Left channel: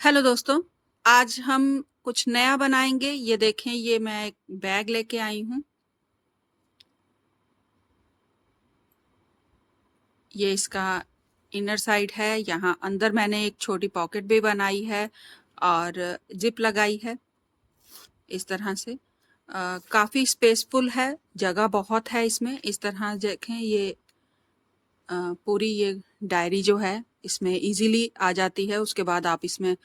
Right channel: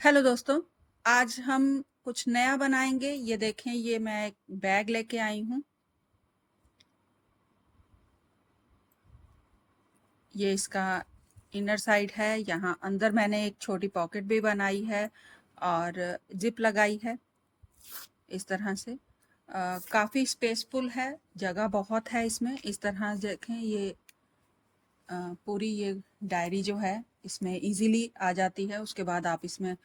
Hello दोस्तों, आज हम कुछ नया बनाएंगे। ये देखें, ये मैं एक बैग लेके आई हूँ। ये इसका इनर साइड है। यहाँ अंदर मैंने एक छोटी पॉकेट भी बनाई है और जिप लगाई है इस तरह से। काफ़ी स्पेसफुल है, जगह बहुत है इसमें। इस तरह देखें, ये पूरी ये डायरी जो है इसमें इजीली आ जाती है। उसके बाद आप इसमें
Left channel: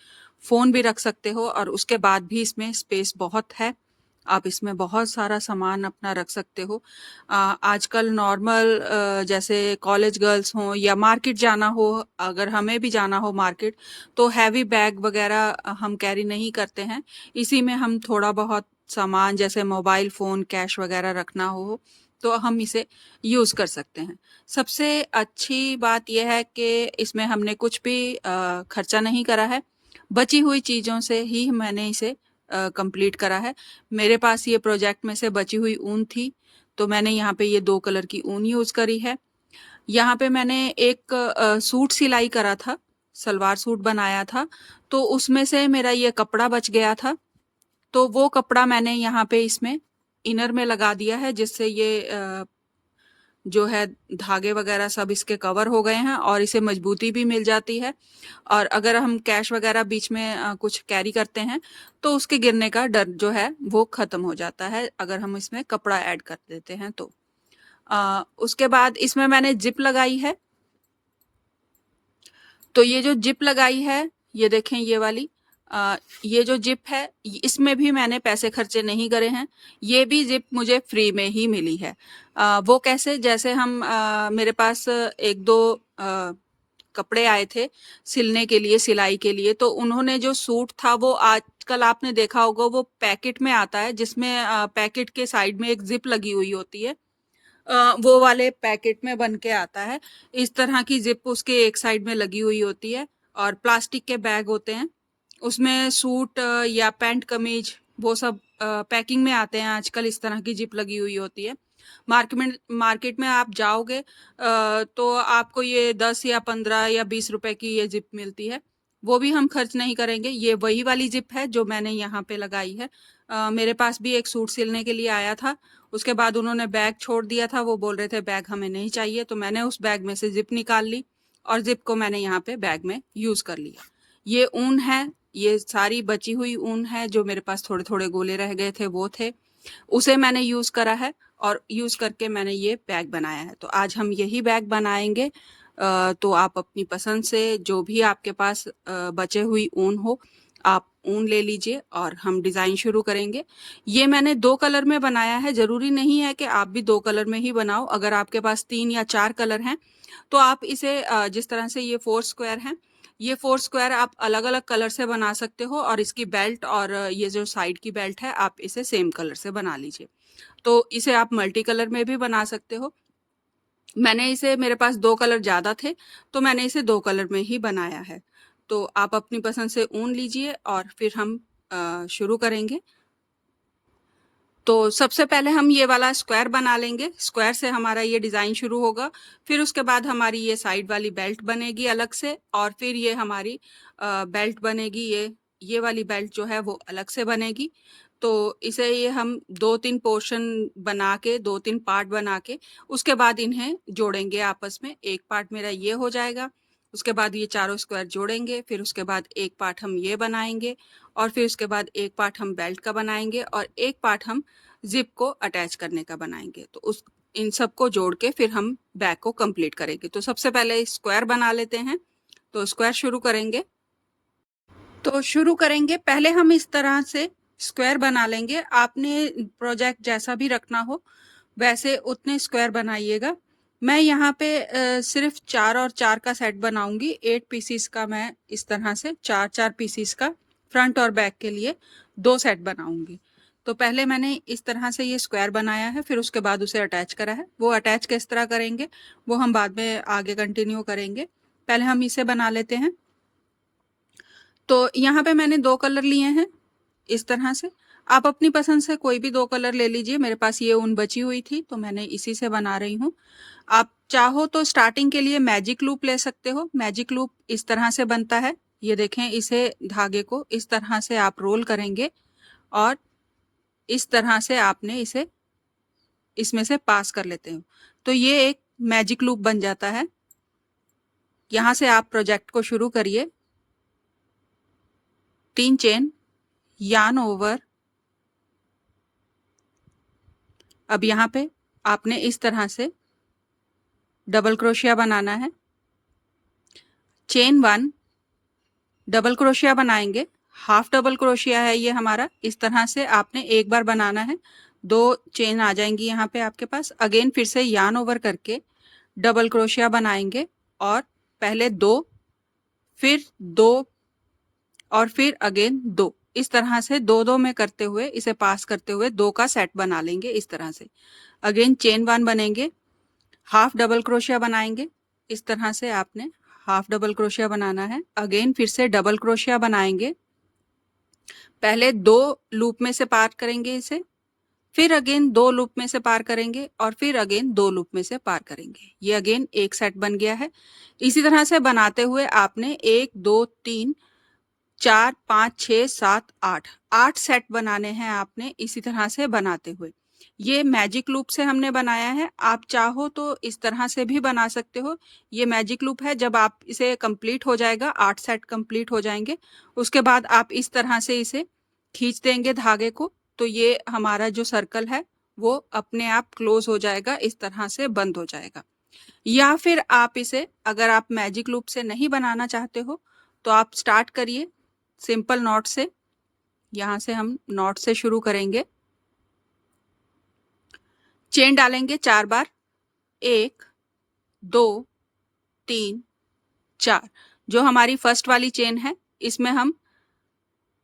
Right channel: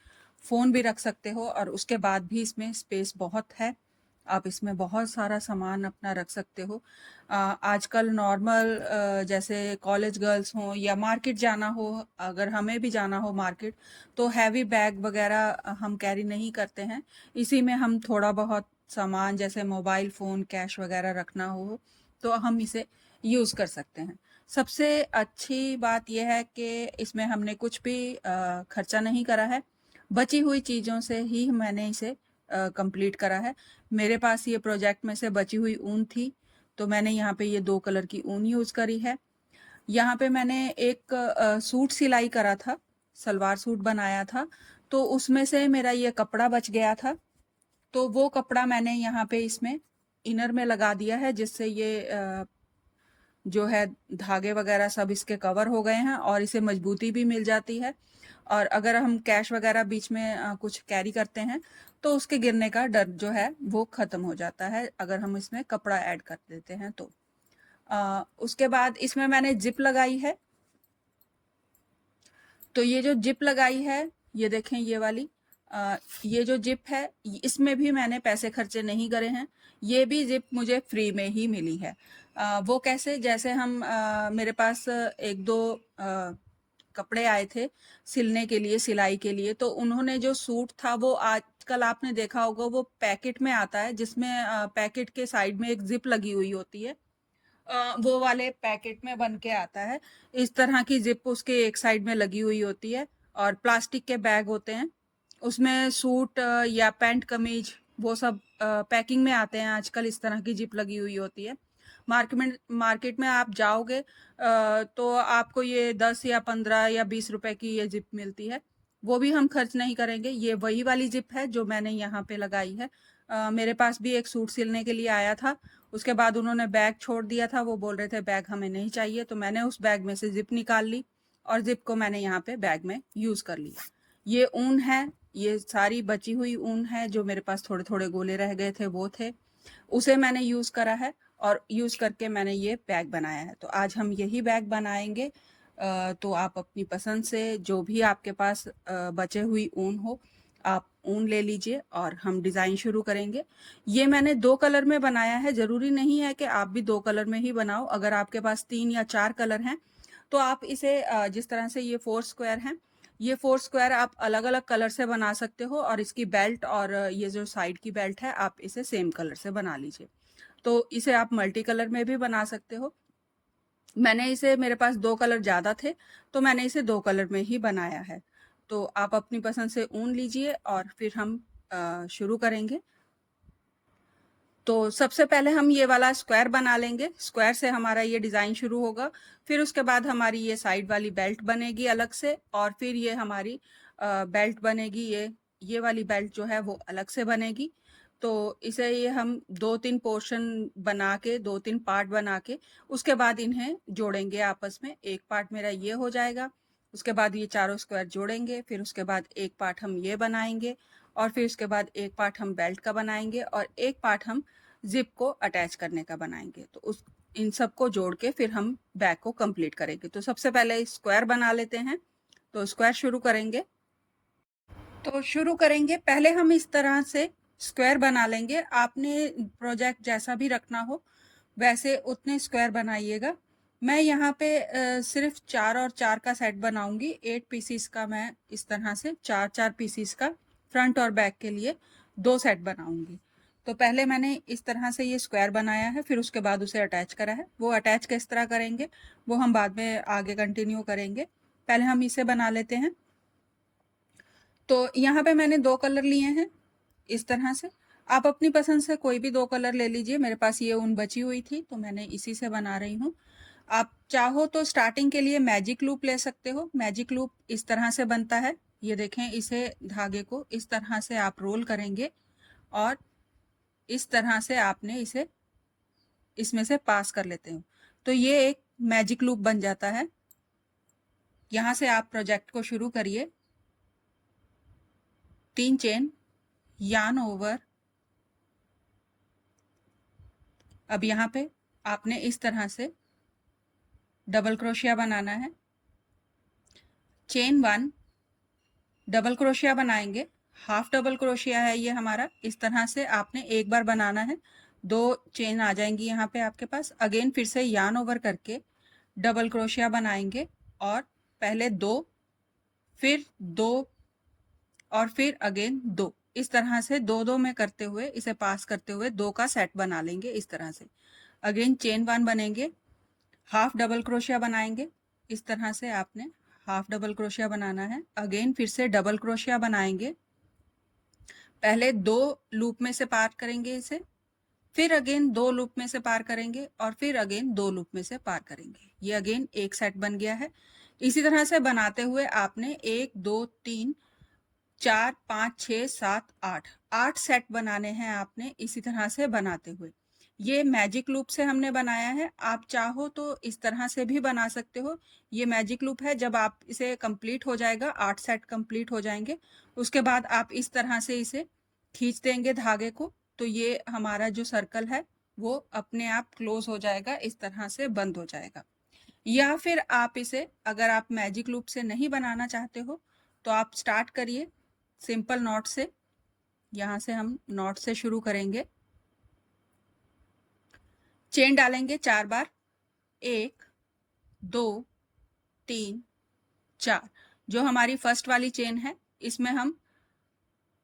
फ़ोन भी रख सकते हो और उसके बाद भी इसमें स्पेस बहुत है। आप इसमें बहुत सारा सामान अपना रख सकते हो। आजकल नॉर्मल जैसे कॉलेज गर्ल्स हों या मार्केट जाना हो, अगर हमें भी जाना हो मार्केट, तो हैवी बैग वगैरह हम कैरी नहीं करते हैं। इसी में हम थोड़ा बहुत सामान जैसे मोबाइल फ़ोन, कैश वगैरह रखना हो तो हम इसे यूज़ कर सकते हैं। सबसे अच्छी बात यह है कि इसमें हमने कुछ भी खर्चा नहीं करा है। बची हुई चीज़ों से ही मैंने इसे कंप्लीट करा है। मेरे पास ये प्रोजेक्ट में से बची हुई ऊन थी, तो मैंने यहाँ पे ये 2 कलर की ऊन यूज़ करी है। यहाँ पे मैंने एक सूट सिलाई करा था, सलवार सूट बनाया था, तो उसमें से मेरा ये कपड़ा बच गया था, तो वो कपड़ा मैंने यहाँ पे इसमें इनर में लगा दिया है, जिससे ये जो है धागे वगैरह सब इसके कवर हो गए हैं और इसे मजबूती भी मिल जाती है। और अगर हम कैश वगैरह बीच में कुछ कैरी करते हैं तो उसके गिरने का डर जो है वो ख़त्म हो जाता है, अगर हम इसमें कपड़ा ऐड कर देते हैं तो। उसके बाद इसमें मैंने जिप लगाई है। तो ये जो जिप लगाई है, ये देखें ये वाली, ये जो जिप है इसमें भी मैंने पैसे खर्चे नहीं करे हैं। ये भी जिप मुझे फ्री में ही मिली है। वो कैसे, जैसे हम मेरे पास एक दो कपड़े आए थे सिलने के लिए, सिलाई के लिए, तो उन्होंने जो सूट था वो आजकल आपने देखा होगा वो पैकेट में आता है, जिसमें पैकेट के साइड में एक जिप लगी हुई होती है। वो वाले पैकेट में बन के आता है। इस तरह की जिप उसके एक साइड में लगी हुई होती है और प्लास्टिक के बैग होते हैं। उसमें सूट या पैंट कमीज वो सब पैकिंग में आते हैं आजकल। इस तरह की जिप लगी हुई होती है। मार्केट में आप जाओगे तो आपको ये 10 या 15 या 20 रुपए की ये जिप मिलती है। वो भी हम खर्च नहीं करेंगे। ये वही वाली जिप है जो मैंने यहाँ पे लगाई है। मेरे पास भी एक सूट सिलने के लिए आया था, उसके बाद उन्होंने बैग छोड़ दिया था। वो बोल रहे थे बैग हमें नहीं चाहिए, तो मैंने उस बैग में से जिप निकाल ली और जिप को मैंने यहाँ पे बैग में यूज़ कर लिया। ये ऊन है, ये सारी बची हुई ऊन है, जो मेरे पास थोड़े थोड़े गोले रह गए थे वो थे, उसे मैंने यूज़ करा है और यूज़ करके मैंने ये बैग बनाया है। तो आज हम यही बैग बनाएंगे। तो आप अपनी पसंद से जो भी आपके पास बचे हुई ऊन हो, आप ऊन ले लीजिए और हम डिज़ाइन शुरू करेंगे। ये मैंने 2 कलर में बनाया है, ज़रूरी नहीं है कि आप भी 2 कलर में ही बनाओ। अगर आपके पास 3 या 4 कलर हैं, तो आप इसे जिस तरह से ये 4 स्क्वायर हैं, ये 4 स्क्वायर आप अलग-अलग कलर से बना सकते हो और इसकी बेल्ट और ये जो साइड की बेल्ट है, आप इसे सेम कलर से बना लीजिए। तो इसे आप मल्टी कलर में भी बना सकते हो। मैंने इसे, मेरे पास 2 कलर ज़्यादा थे, तो मैंने इसे 2 कलर में ही बनाया है। तो आप अपनी पसंद से ऊन लीजिए और फिर हम शुरू करेंगे। तो सबसे पहले हम ये वाला स्क्वायर बना लेंगे। स्क्वायर से हमारा ये डिज़ाइन शुरू होगा। फिर उसके बाद हमारी ये साइड वाली बेल्ट बनेगी अलग से और फिर ये हमारी बेल्ट बनेगी, ये वाली बेल्ट जो है वो अलग से बनेगी। तो इसे ये हम 2-3 पोर्शन बना के, 2-3 पार्ट बना के उसके बाद इन्हें जोड़ेंगे आपस में। एक पार्ट मेरा ये हो जाएगा, उसके बाद ये चारों स्क्वायर जोड़ेंगे, फिर उसके बाद एक पार्ट हम ये बनाएँगे और फिर उसके बाद एक पार्ट हम बेल्ट का बनाएँगे और एक पार्ट हम ज़िप को अटैच करने का बनाएँगे। तो उस इन सबको जोड़ के फिर हम बैग को कंप्लीट करेंगे। तो सबसे पहले स्क्वायर बना लेते हैं। तो स्क्वायर शुरू करेंगे। तो शुरू करेंगे, पहले हम इस तरह से स्क्वायर बना लेंगे। आपने प्रोजेक्ट जैसा भी रखना हो, वैसे उतने स्क्वायर बनाइएगा। मैं यहाँ पे सिर्फ़ 4 और 4 का सेट बनाऊँगी। 8 पीसेस का मैं इस तरह से 4-4 पीसेस का फ्रंट और बैक के लिए 2 सेट बनाऊँगी। तो पहले मैंने इस तरह से ये स्क्वायर बनाया है, फिर उसके बाद उसे अटैच करा है। वो अटैच किस तरह करेंगे, वो हम बाद में आगे कंटिन्यू करेंगे। पहले हम इसे बना लेते हैं। तो यहाँ पे मैंने 2 कलर लिए हैं इस तरह से। आप अपनी पसंद से कोई भी 2 कलर ले लीजिए। मेरे पास ये ऊन बची हुई थी तो मैंने इसी से बना रही हूँ। आप चाहो तो स्टार्टिंग के लिए मैजिक लूप ले सकते हो। मैजिक लूप इस तरह से बनता है। ये देखें, इसे धागे को इस तरह से आप रोल करेंगे और इस तरह से आपने इसे इसमें से पास कर लेते हो, तो ये एक मैजिक लूप बन जाता है। यहाँ से आप प्रोजेक्ट को शुरू करिए। 3 चेन, यार्न ओवर। अब यहाँ पे आपने इस तरह से डबल क्रोशिया बनाना है। चेन 1, डबल क्रोशिया बनाएंगे, हाफ डबल क्रोशिया है ये हमारा। इस तरह से आपने एक बार बनाना है, 2 चेन आ जाएंगी यहाँ पे आपके पास। अगेन फिर से यार्न ओवर करके डबल क्रोशिया बनाएंगे और पहले 2, फिर 2 और फिर अगेन 2। इस तरह से 2-2 में करते हुए, इसे पास करते हुए 2 का सेट बना लेंगे इस तरह से। अगेन चेन 1 बनेंगे, हाफ डबल क्रोशिया बनाएंगे। इस तरह से आपने हाफ डबल क्रोशिया बनाना है। अगेन फिर से डबल क्रोशिया बनाएंगे, पहले 2 लूप में से पार करेंगे इसे, फिर अगेन 2 लूप में से पार करेंगे और फिर अगेन 2 लूप में से पार करेंगे। ये अगेन एक सेट बन गया है। इसी तरह से बनाते हुए आपने 1 2 3 4 5 6 7 8 सेट बनाने हैं आपने इसी तरह से बनाते हुए। ये मैजिक लूप से हमने बनाया है। आप चाहो तो इस तरह से भी बना सकते हो। ये मैजिक लूप है, जब आप इसे कंप्लीट हो जाएगा, 8 सेट कंप्लीट हो जाएंगे, उसके बाद आप इस तरह से इसे खींच देंगे धागे को, तो ये हमारा जो सर्कल है वो अपने आप क्लोज हो जाएगा, इस तरह से बंद हो जाएगा। या फिर आप इसे, अगर आप मैजिक लूप से नहीं बनाना चाहते हो, तो आप स्टार्ट करिए सिंपल नॉट से। यहाँ से हम नॉट से शुरू करेंगे। चेन डालेंगे 4 बार, 1 2 3 4। जो हमारी फर्स्ट वाली चेन है, इसमें हम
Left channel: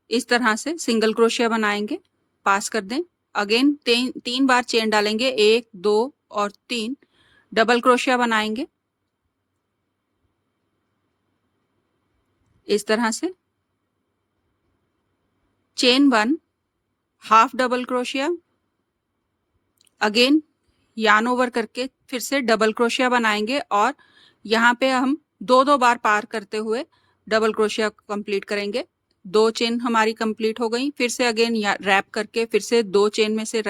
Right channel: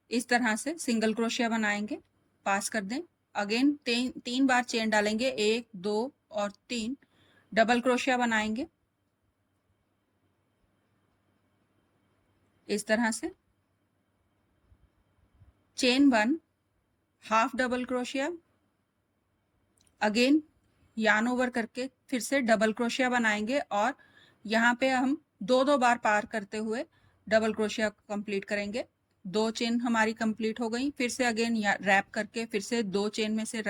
इस तरह से सिंगल क्रोशिया बनाएंगे, पास कर दें। अगेन 3 बार चेन डालेंगे, 1 2 और 3, डबल क्रोशिया बनाएंगे इस तरह से। Chain 1, half double crochet, again yarn over करके फिर से डबल क्रोशिया बनाएंगे और यहाँ पे हम 2-2 बार पार करते हुए डबल क्रोशिया कंप्लीट करेंगे। 2 चेन हमारी कंप्लीट हो गई। फिर से अगेन रैप करके फिर से 2 चेन में से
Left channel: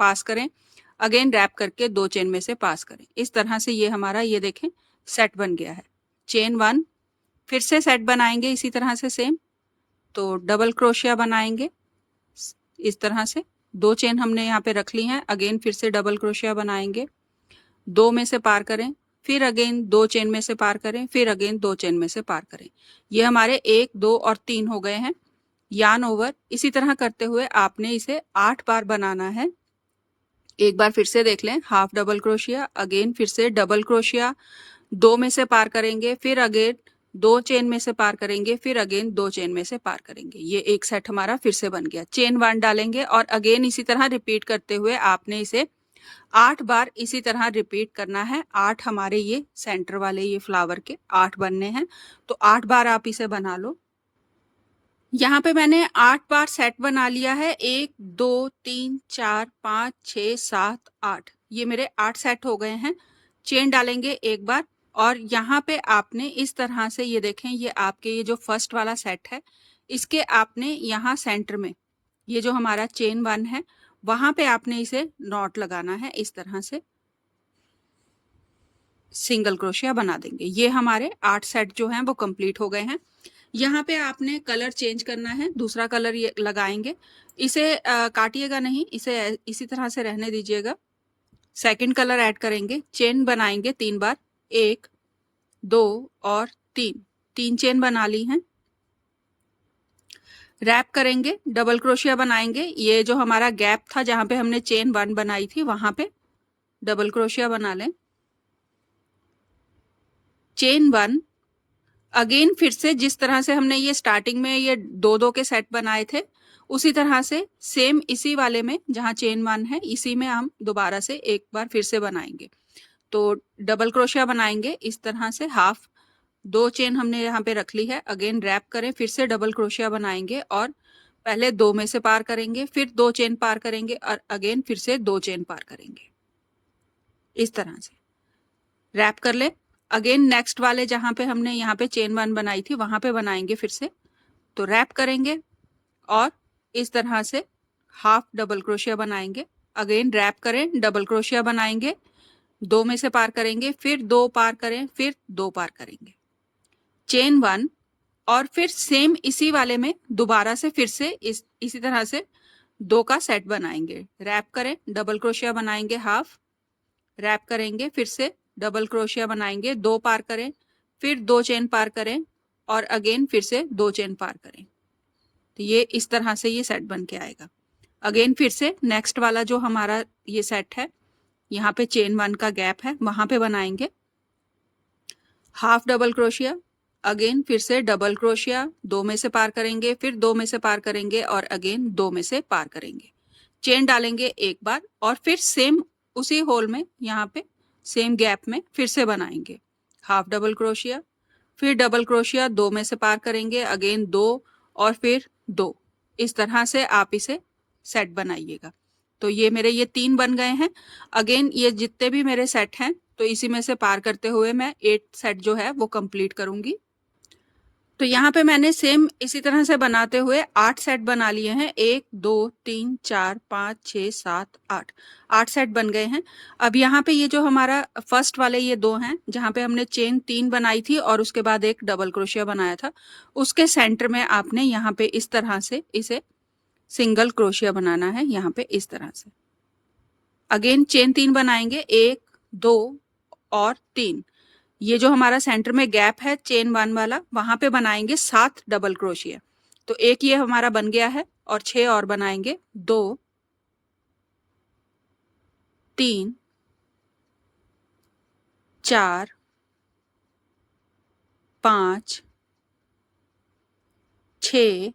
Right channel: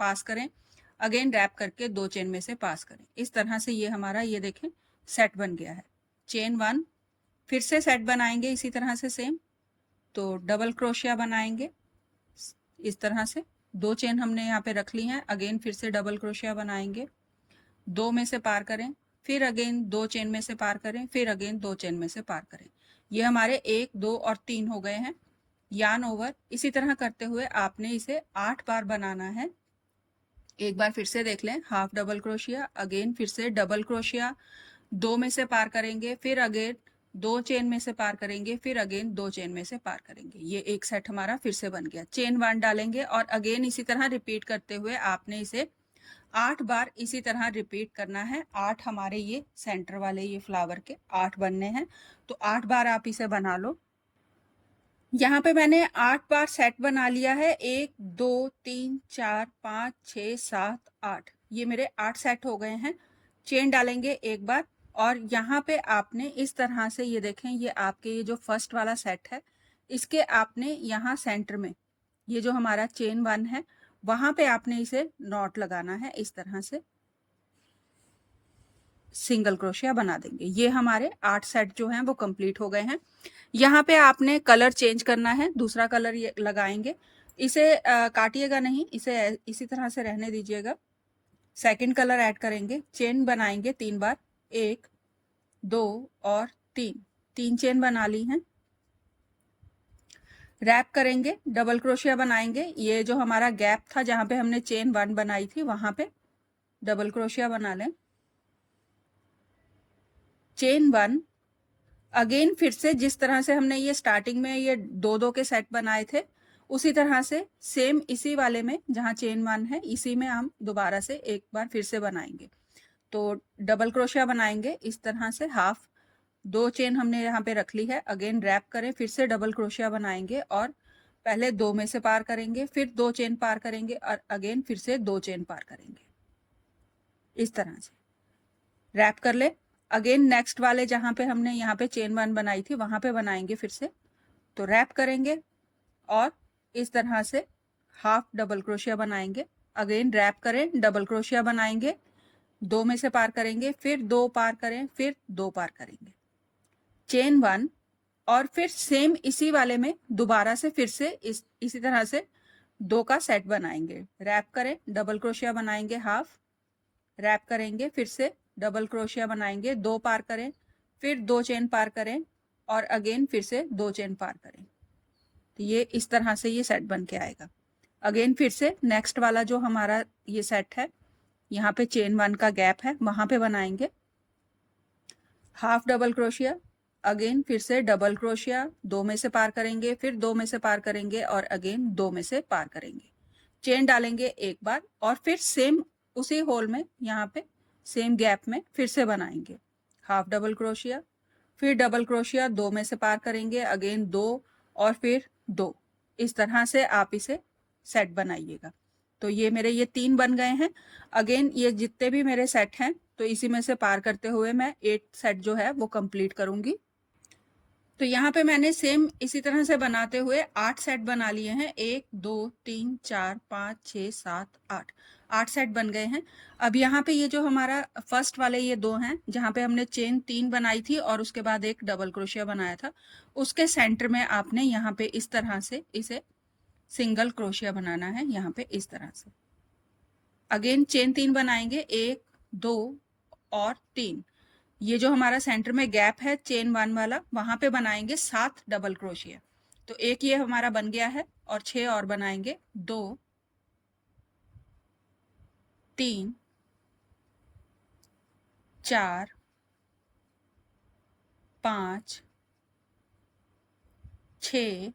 पास करें, अगेन रैप करके 2 चेन में से पास करें। इस तरह से ये हमारा, ये देखें, सेट बन गया है। चेन 1, फिर से सेट बनाएंगे इसी तरह से सेम, तो डबल क्रोशिया बनाएंगे इस तरह से। 2 चेन हमने यहाँ पे रख ली हैं, अगेन फिर से डबल क्रोशिया बनाएंगे, 2 में से पार करें, फिर अगेन 2 चेन में से पार करें, फिर अगेन 2 चेन में से पार करें। ये हमारे 1 2 और 3 हो गए हैं। यार्न ओवर, इसी तरह करते हुए आपने इसे 8 बार बनाना है। एक बार फिर से देख लें, हाफ डबल क्रोशिया, अगेन फिर से डबल क्रोशिया, 2 में से पार करेंगे, फिर अगेन 2 चेन में से पार करेंगे, फिर अगेन 2 चेन में से पार करेंगे। ये एक सेट हमारा फिर से बन गया। चेन 1 डालेंगे और अगेन इसी तरह रिपीट करते हुए आपने इसे 8 बार इसी तरह रिपीट करना है। 8 हमारे ये सेंटर वाले ये फ्लावर के 8 बनने हैं, तो 8 बार आप इसे बना लो। यहाँ पे मैंने 8 बार सेट बना लिया है। 1 2 3 4 5 6 7 8, ये मेरे 8 सेट हो गए हैं। चेन डालेंगे एक बार और यहाँ पे आपने इस तरह से, ये देखें, ये आपके ये जो फर्स्ट वाला सेट है, इसके आपने यहाँ सेंटर में ये जो हमारा चेन 1 है, वहां पे आपने इसे नॉट लगाना है इस तरह से, सिंगल क्रोशिया बना देंगे। ये हमारे 8 सेट जो हैं वो कंप्लीट हो गए हैं। यहाँ पे आपने कलर चेंज करना है, दूसरा कलर ये लगाएंगे। इसे काटिएगा नहीं, इसे इसी तरह से रहने दीजिएगा। सेकंड कलर ऐड करेंगे, चेन बनाएंगे 3 बार, 1 2 और 3 चेन बना ली हैं। रैप करेंगे, डबल क्रोशिया बनाएंगे। ये जो हमारा गैप था जहां पे हमने चेन 1 बनाई थी, वहां पे डबल क्रोशिया बना लें। चेन 1, अगेन फिर से जिस तरह से हमने ये स्टार्टिंग में ये 2-2 के सेट बनाए थे, उसी तरह से सेम इसी वाले में जहां चेन 1 है, इसी में हम दोबारा से एक बार फिर से बनाएंगे। तो डबल क्रोशिया बनाएंगे इस तरह से, हाफ 2 चेन हमने यहाँ पे रख ली है। अगेन रैप करें, फिर से डबल क्रोशिया बनाएंगे और पहले 2 में से पार करेंगे, फिर 2 चेन पार करेंगे और अगेन फिर से 2 चेन पार करेंगे इस तरह से। रैप कर ले, अगेन नेक्स्ट वाले जहाँ पे हमने यहाँ पे चेन 1 बनाई थी वहाँ पे बनाएंगे फिर से। तो रैप करेंगे और इस तरह से हाफ डबल क्रोशिया बनाएंगे। अगेन रैप करें, डबल क्रोशिया बनाएंगे, 2 में से पार करेंगे, फिर 2 पार करें, फिर 2 पार करेंगे, चेन 1 और फिर सेम इसी वाले में दोबारा से फिर से इसी तरह से 2 का सेट बनाएंगे। रैप करें, डबल क्रोशिया बनाएंगे हाफ, रैप करेंगे, फिर से डबल क्रोशिया बनाएंगे, 2 पार करें, फिर 2 चेन पार करें और अगेन फिर से 2 चेन पार करें। तो ये इस तरह से ये सेट बन के आएगा। अगेन फिर से नेक्स्ट वाला जो हमारा ये सेट है, यहाँ पे चेन 1 का गैप है, वहां पे बनाएंगे हाफ डबल क्रोशिया, अगेन फिर से डबल क्रोशिया, 2 में से पार करेंगे, फिर 2 में से पार करेंगे और अगेन 2 में से पार करेंगे, चेन डालेंगे एक बार और फिर सेम उसी होल में यहाँ पे सेम गैप में फिर से बनाएंगे हाफ डबल क्रोशिया, फिर डबल क्रोशिया, 2 में से पार करेंगे, अगेन 2 और फिर 2। इस तरह से आप इसे सेट बनाइएगा। तो ये मेरे ये 3 बन गए हैं। अगेन ये जितने भी मेरे सेट हैं तो इसी में से पार करते हुए मैं 8 सेट जो है वो कंप्लीट करूंगी। तो यहाँ पे मैंने सेम इसी तरह से बनाते हुए 8 सेट बना लिए हैं। 1 2 3 4 5 6 7 8 8 सेट बन गए हैं। अब यहाँ पे ये जो हमारा फर्स्ट वाले ये 2 हैं जहाँ पे हमने चेन 3 बनाई थी और उसके बाद एक डबल क्रोशिया बनाया था, उसके सेंटर में आपने यहाँ पे इस तरह से इसे सिंगल क्रोशिया बनाना है। यहाँ पे इस तरह से अगेन चेन 3 बनाएंगे, 1 2 और 3। ये जो हमारा सेंटर में गैप है चेन 1 वाला वहां पे बनाएंगे 7 डबल क्रोशिया। तो एक ये हमारा बन गया है और 6 और बनाएंगे, 2 3 4 5 6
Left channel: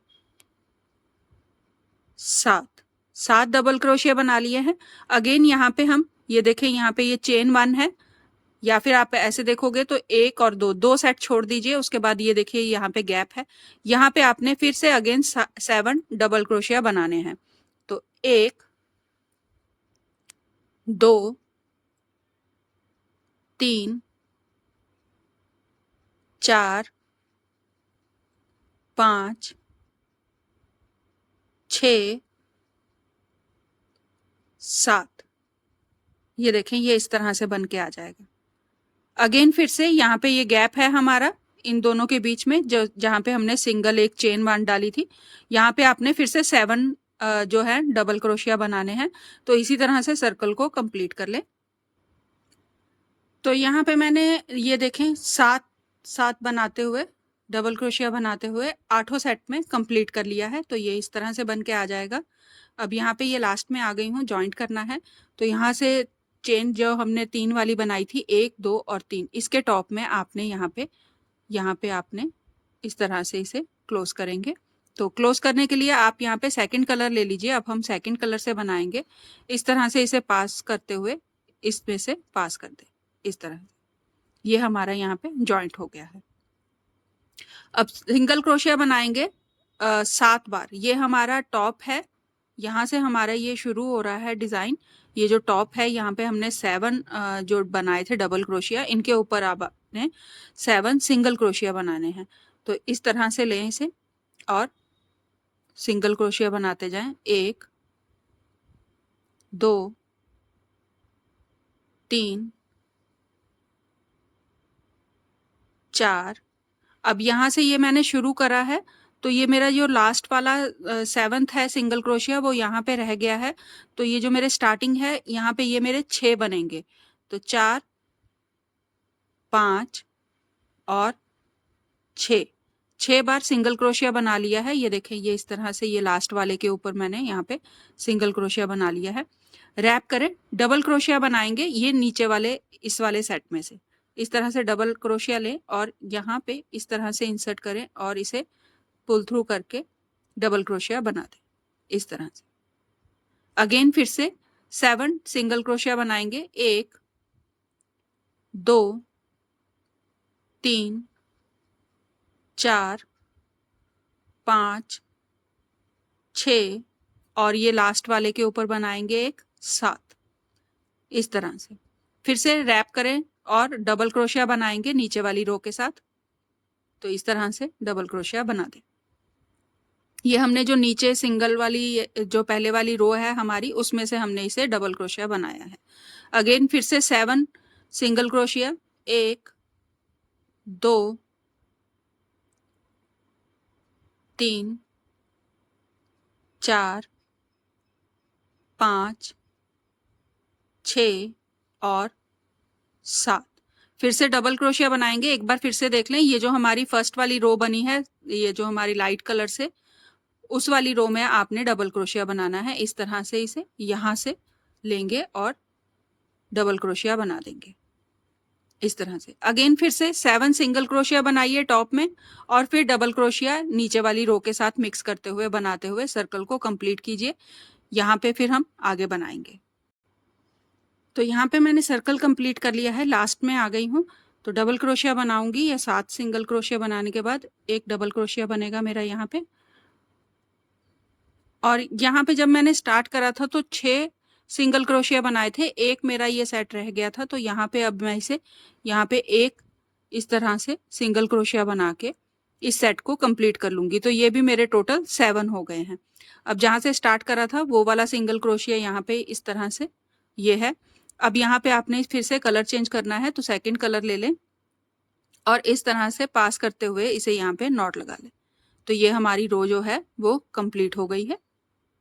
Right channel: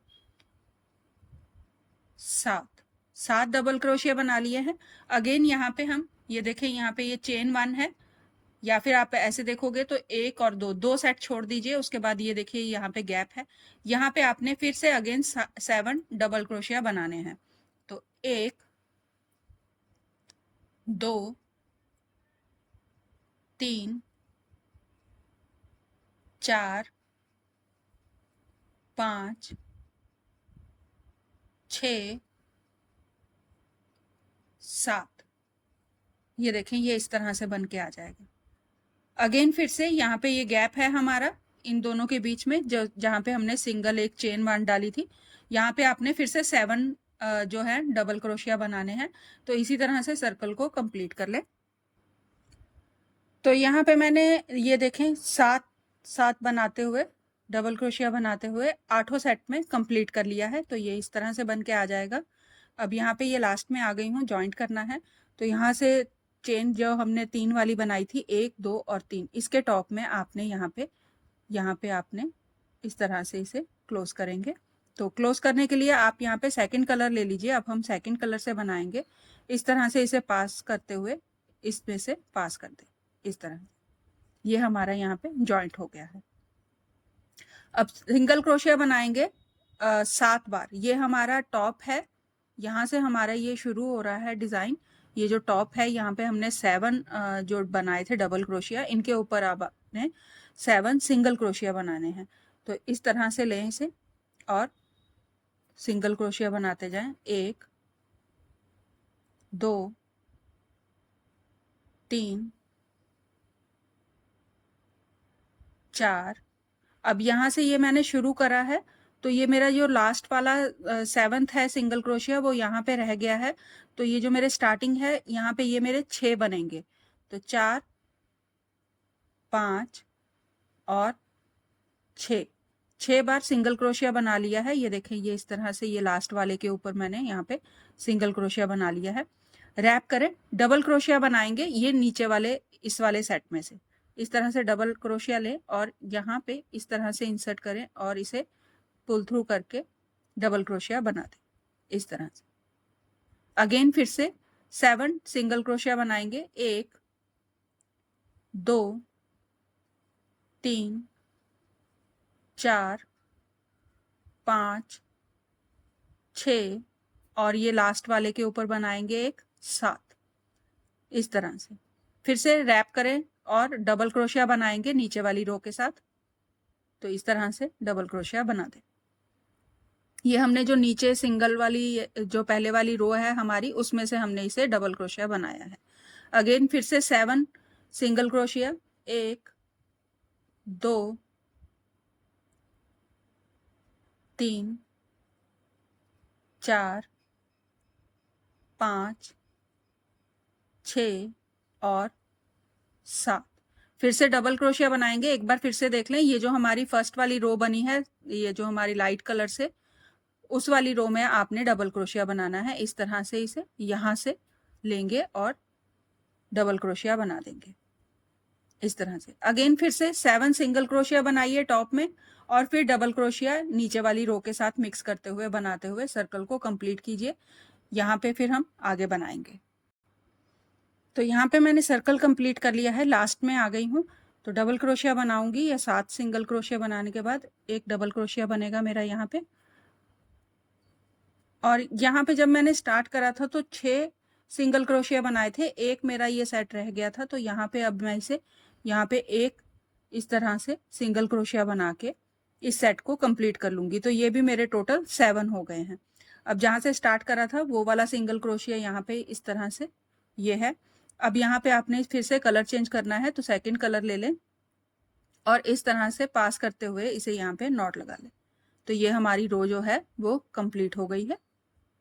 7 डबल क्रोशिया बना लिए हैं। अगेन यहाँ पे हम ये देखें, यहाँ पे ये चेन 1 है, या फिर आप ऐसे देखोगे तो 1 और 2 सेट छोड़ दीजिए। उसके बाद ये देखिए यहाँ पे गैप है, यहाँ पे आपने फिर से अगेन 7 डबल क्रोशिया बनाने हैं। तो 1 2 3 4 5 6 7। ये देखें ये इस तरह से बन के आ जाएगा। अगेन फिर से यहाँ पे ये गैप है हमारा इन दोनों के बीच में, जो जहाँ पे हमने सिंगल एक चेन 1 डाली थी, यहाँ पे आपने फिर से 7 जो है डबल क्रोशिया बनाने हैं। तो इसी तरह से सर्कल को कंप्लीट कर ले। तो यहाँ पे मैंने ये देखें 7 बनाते हुए डबल क्रोशिया बनाते हुए 8 सेट में कंप्लीट कर लिया है। तो ये इस तरह से बन के आ जाएगा। अब यहाँ पे ये लास्ट में आ गई हूँ, जॉइंट करना है। तो यहाँ से चेन जो हमने 3 वाली बनाई थी 1 2 और 3, इसके टॉप में आपने यहाँ पे आपने इस तरह से इसे क्लोज करेंगे। तो क्लोज करने के लिए आप यहाँ पे सेकंड कलर ले लीजिए। अब हम सेकंड कलर से बनाएंगे। इस तरह से इसे पास करते हुए इसमें से पास कर दे इस तरह। ये हमारा यहाँ पे जॉइंट हो गया है। अब सिंगल क्रोशिया बनाएंगे 7 बार। ये हमारा टॉप है, यहाँ से हमारा ये शुरू हो रहा है डिजाइन। ये जो टॉप है यहाँ पे हमने 7 जो बनाए थे डबल क्रोशिया, इनके ऊपर अब आपने 7 सिंगल क्रोशिया बनाने हैं। तो इस तरह से लें इसे और सिंगल क्रोशिया बनाते जाएं। 1 2 3 4। अब यहाँ से ये मैंने शुरू करा है, तो ये मेरा जो लास्ट वाला 7th है सिंगल क्रोशिया वो यहाँ पे रह गया है। तो ये जो मेरे स्टार्टिंग है यहाँ पे ये मेरे 6 बनेंगे। तो 4 5 और 6 बार सिंगल क्रोशिया बना लिया है। ये देखें ये इस तरह से ये लास्ट वाले के ऊपर मैंने यहाँ पे सिंगल क्रोशिया बना लिया है। रैप करें, डबल क्रोशिया बनाएंगे ये नीचे वाले इस वाले सेट में से। इस तरह से डबल क्रोशिया लें और यहाँ पे इस तरह से इंसर्ट करें और इसे पुल थ्रू करके डबल क्रोशिया बना दें इस तरह से। अगेन फिर से 7 सिंगल क्रोशिया बनाएंगे। 1 2 3 4 5 6 और ये लास्ट वाले के ऊपर बनाएंगे एक 7 इस तरह से। फिर से रैप करें, और डबल क्रोशिया बनाएंगे नीचे वाली रो के साथ। तो इस तरह से डबल क्रोशिया बना दें। ये हमने जो नीचे सिंगल वाली जो पहले वाली रो है हमारी, उसमें से हमने इसे डबल क्रोशिया बनाया है। अगेन फिर से 7 सिंगल क्रोशिया, 1 2 3 4 5 6 और 7। फिर से डबल क्रोशिया बनाएंगे। एक बार फिर से देख लें, ये जो हमारी फर्स्ट वाली रो बनी है, ये जो हमारी लाइट कलर से, उस वाली रो में आपने डबल क्रोशिया बनाना है। इस तरह से इसे यहाँ से लेंगे और डबल क्रोशिया बना देंगे इस तरह से। अगेन फिर से 7 सिंगल क्रोशिया बनाइए टॉप में, और फिर डबल क्रोशिया नीचे वाली रो के साथ मिक्स करते हुए बनाते हुए सर्कल को कंप्लीट कीजिए। यहाँ पे फिर हम आगे बनाएंगे। तो यहाँ पे मैंने सर्कल कंप्लीट कर लिया है, लास्ट में आ गई हूँ। तो डबल क्रोशिया बनाऊंगी, या 7 सिंगल क्रोशिया बनाने के बाद एक डबल क्रोशिया बनेगा मेरा यहाँ पे। और यहाँ पे जब मैंने स्टार्ट करा था तो 6 सिंगल क्रोशिया बनाए थे, एक मेरा ये सेट रह गया था। तो यहाँ पे अब मैं इसे यहाँ पे एक इस तरह से सिंगल क्रोशिया बना के इस सेट को कंप्लीट कर लूँगी। तो ये भी मेरे टोटल 7 हो गए हैं। अब जहाँ से स्टार्ट करा था वो वाला सिंगल क्रोशिया यहाँ पे इस तरह से ये है। अब यहाँ पे आपने फिर से कलर चेंज करना है, तो सेकेंड कलर ले लें और इस तरह से पास करते हुए इसे यहाँ पे नॉट लगा लें। तो ये हमारी रो जो है वो कंप्लीट हो गई है।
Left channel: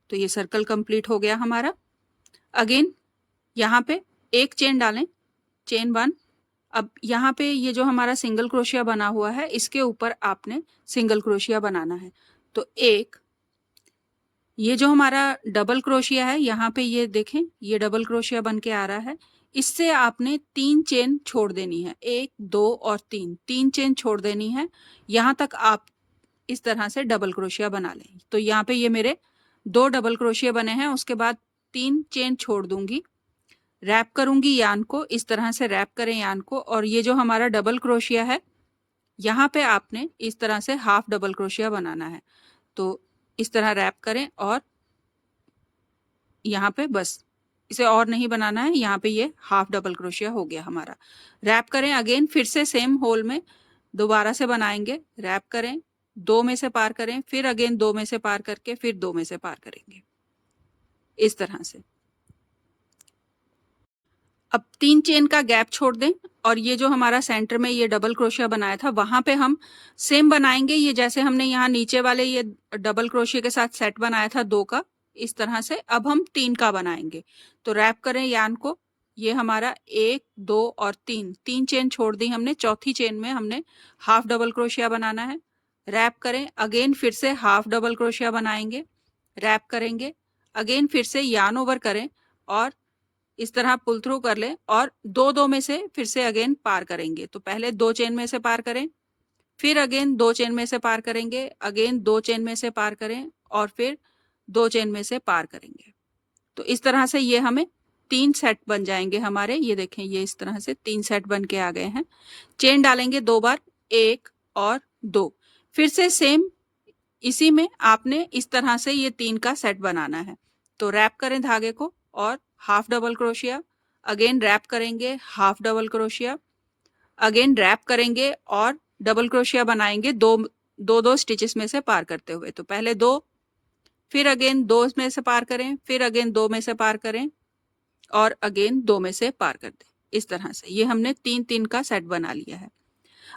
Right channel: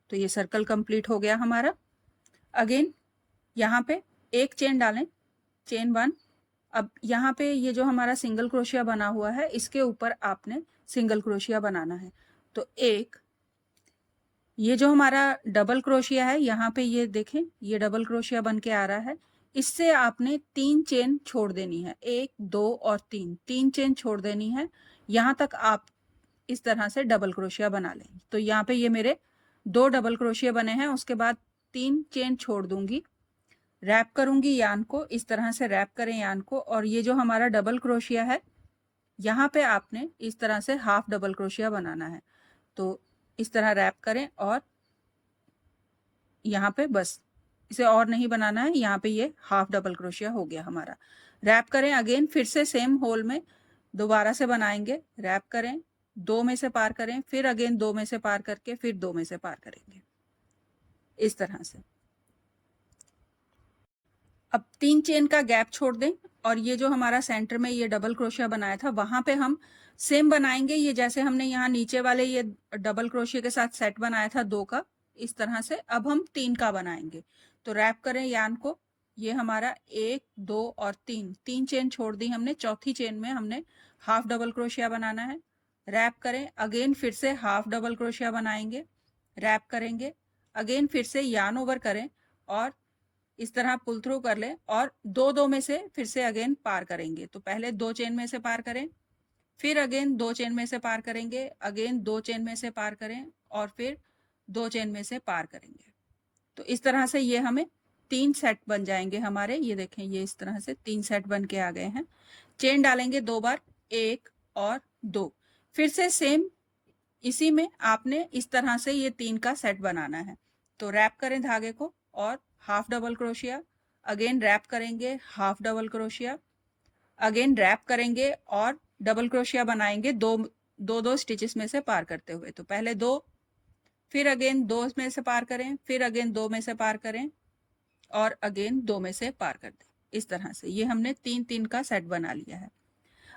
तो ये सर्कल कंप्लीट हो गया हमारा। अगेन यहाँ पे एक चेन डालें, चेन 1। अब यहाँ पे ये जो हमारा सिंगल क्रोशिया बना हुआ है, इसके ऊपर आपने सिंगल क्रोशिया बनाना है। तो एक, ये जो हमारा डबल क्रोशिया है यहाँ पे, ये देखें ये डबल क्रोशिया बन के आ रहा है। इससे आपने 3 चेन छोड़ देनी है, 1 2 और 3 चेन छोड़ देनी है। यहाँ तक आप इस तरह से डबल क्रोशिया बना लें। तो यहाँ पे ये मेरे 2 डबल क्रोशिया बने हैं। उसके बाद 3 चेन छोड़ दूंगी, रैप करूंगी यान को, इस तरह से रैप करें यान को। और ये जो हमारा डबल क्रोशिया है यहाँ पे आपने इस तरह से हाफ डबल क्रोशिया बनाना है। तो इस तरह रैप करें और यहाँ पे बस इसे और नहीं बनाना है। यहाँ पे ये हाफ डबल क्रोशिया हो गया हमारा। रैप करें, अगेन फिर से सेम होल में दोबारा से बनाएंगे। रैप करें, 2 में से पार करें, फिर अगेन 2 में से पार करके फिर 2 में से पार करेंगे इस तरह से। अब 3 चेन का गैप छोड़ दें और ये जो हमारा सेंटर में ये डबल क्रोशिया बनाया था वहां पे हम सेम बनाएंगे। ये जैसे हमने यहाँ नीचे वाले ये डबल क्रोशिया के साथ सेट बनाया था 2 का, इस तरह से अब हम 3 का बनाएंगे। तो रैप करें यान को, ये हमारा 1 2 और 3 चेन छोड़ दी हमने। चौथी चेन में हमने हाफ डबल क्रोशिया बनाना है। रैप करें, अगेन फिर से हाफ डबल क्रोशिया बनाएंगे, रैप करेंगे, अगेन फिर से यान ओवर करें और इस तरह पुल थ्रू कर लें और 2 में से फिर से अगेन पार करेंगे। तो पहले 2 चेन में से पार करें, फिर अगेन 2 चेन में से पार करेंगे, अगेन 2 चेन में से पार करें और फिर 2 चेन में से पार करेंगे। तो इस तरह से ये हमें 3 सेट बन जाएंगे हमारे। ये देखें, ये इस तरह से 3 सेट बन के आ गए हैं। चेन डालेंगे 2 बार, 1 और 2। फिर से सेम इसी में आपने इस तरह से ये 3 का सेट बनाना है। तो रैप करें धागे को और half double crochet, again wrap करेंगे, half double crochet, again wrap करेंगे और डबल क्रोशिया बनाएंगे 2 स्टिचेस में से पार करते हुए। तो पहले 2, फिर अगेन 2 में से पार करें, फिर अगेन 2 में से पार करें और अगेन 2 में से पार कर दें। इस तरह से ये हमने 3 का सेट बना लिया है।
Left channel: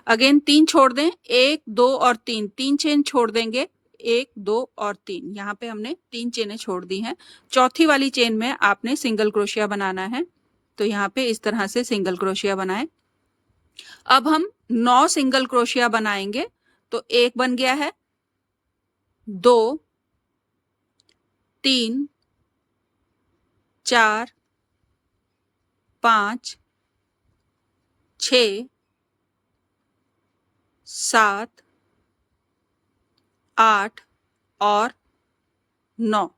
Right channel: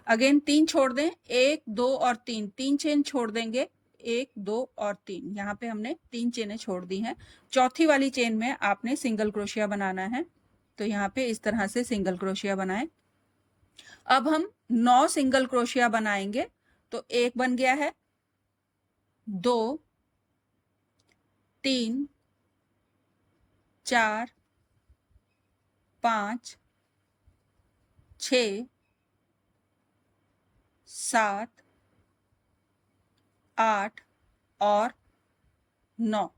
अगेन 3 छोड़ दें, 1 2 और 3 चेन छोड़ देंगे, 1 2 और 3। यहाँ पे हमने 3 चेनें छोड़ दी हैं। चौथी वाली चेन में आपने सिंगल क्रोशिया बनाना है। तो यहाँ पे इस तरह से सिंगल क्रोशिया बनाएं। अब हम 9 सिंगल क्रोशिया बनाएंगे। तो 1 बन गया है, 2 3 4 5 6 7 8 और 9।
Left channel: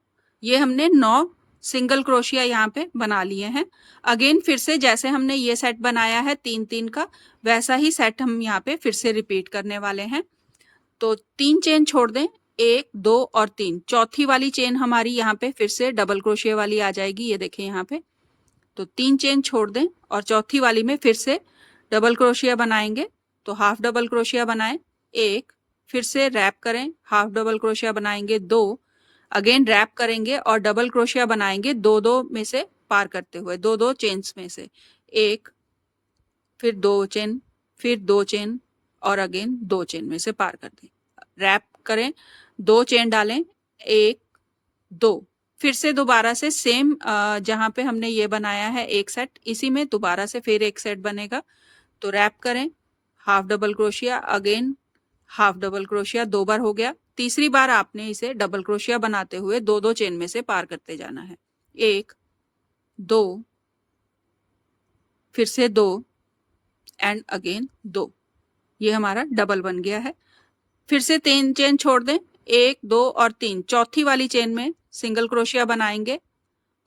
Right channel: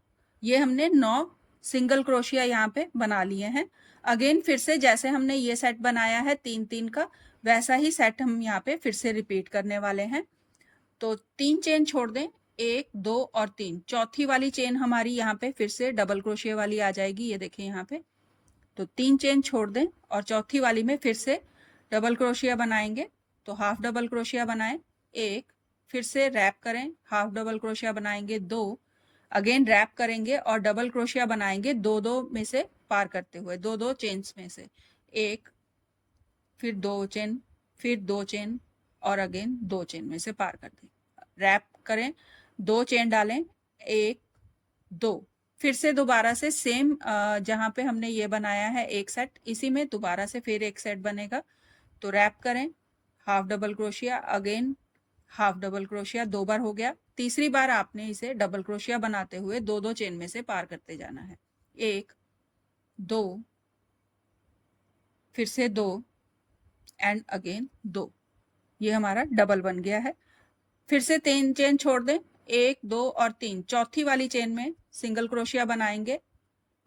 ये हमने 9 सिंगल क्रोशिया यहाँ पे बना लिए हैं। अगेन फिर से जैसे हमने ये सेट बनाया है 3 का, वैसा ही सेट हम यहाँ पे फिर से रिपीट करने वाले हैं। तो 3 चेन छोड़ दें, 1 2 और 3। चौथी वाली चेन हमारी यहाँ पे फिर से डबल क्रोशिया वाली आ जाएगी। ये देखें यहाँ पे। तो 3 चेन छोड़ दें और चौथी वाली में फिर से डबल क्रोशिया बनाएंगे तो हाफ डबल क्रोशिया बनाएं, एक, फिर से रैप करें, हाफ डबल क्रोशिया बनाएंगे, दो, अगेन रैप करेंगे और डबल क्रोशिया बनाएंगे दो दो में से पार करते हुए, दो दो चेन्स में से, एक, फिर दो चेन, फिर दो चेन और अगेन दो चेन में से पार कर दें। रैप करें, दो चेन डालें, एक, दो, फिर से दोबारा से सेम जहां पे हमने ये बनाया है एक सेट, इसी में दोबारा से फिर एक सेट बनेगा। तो रैप करें, half double crochet, again half double crochet, दो बार हो गया। तीसरी बार आपने इसे डबल क्रोशिया बनाते हुए दो दो चेन में से पार करते जाना है, एक, दो, फिर से दो एंड अगेन दो। ये हमारा डबल बन गया है। फिर से तीन चेन छोड़ दें, एक, दो और तीन, चौथी वाली चेन में सिंगल क्रोशिया बनाएंगे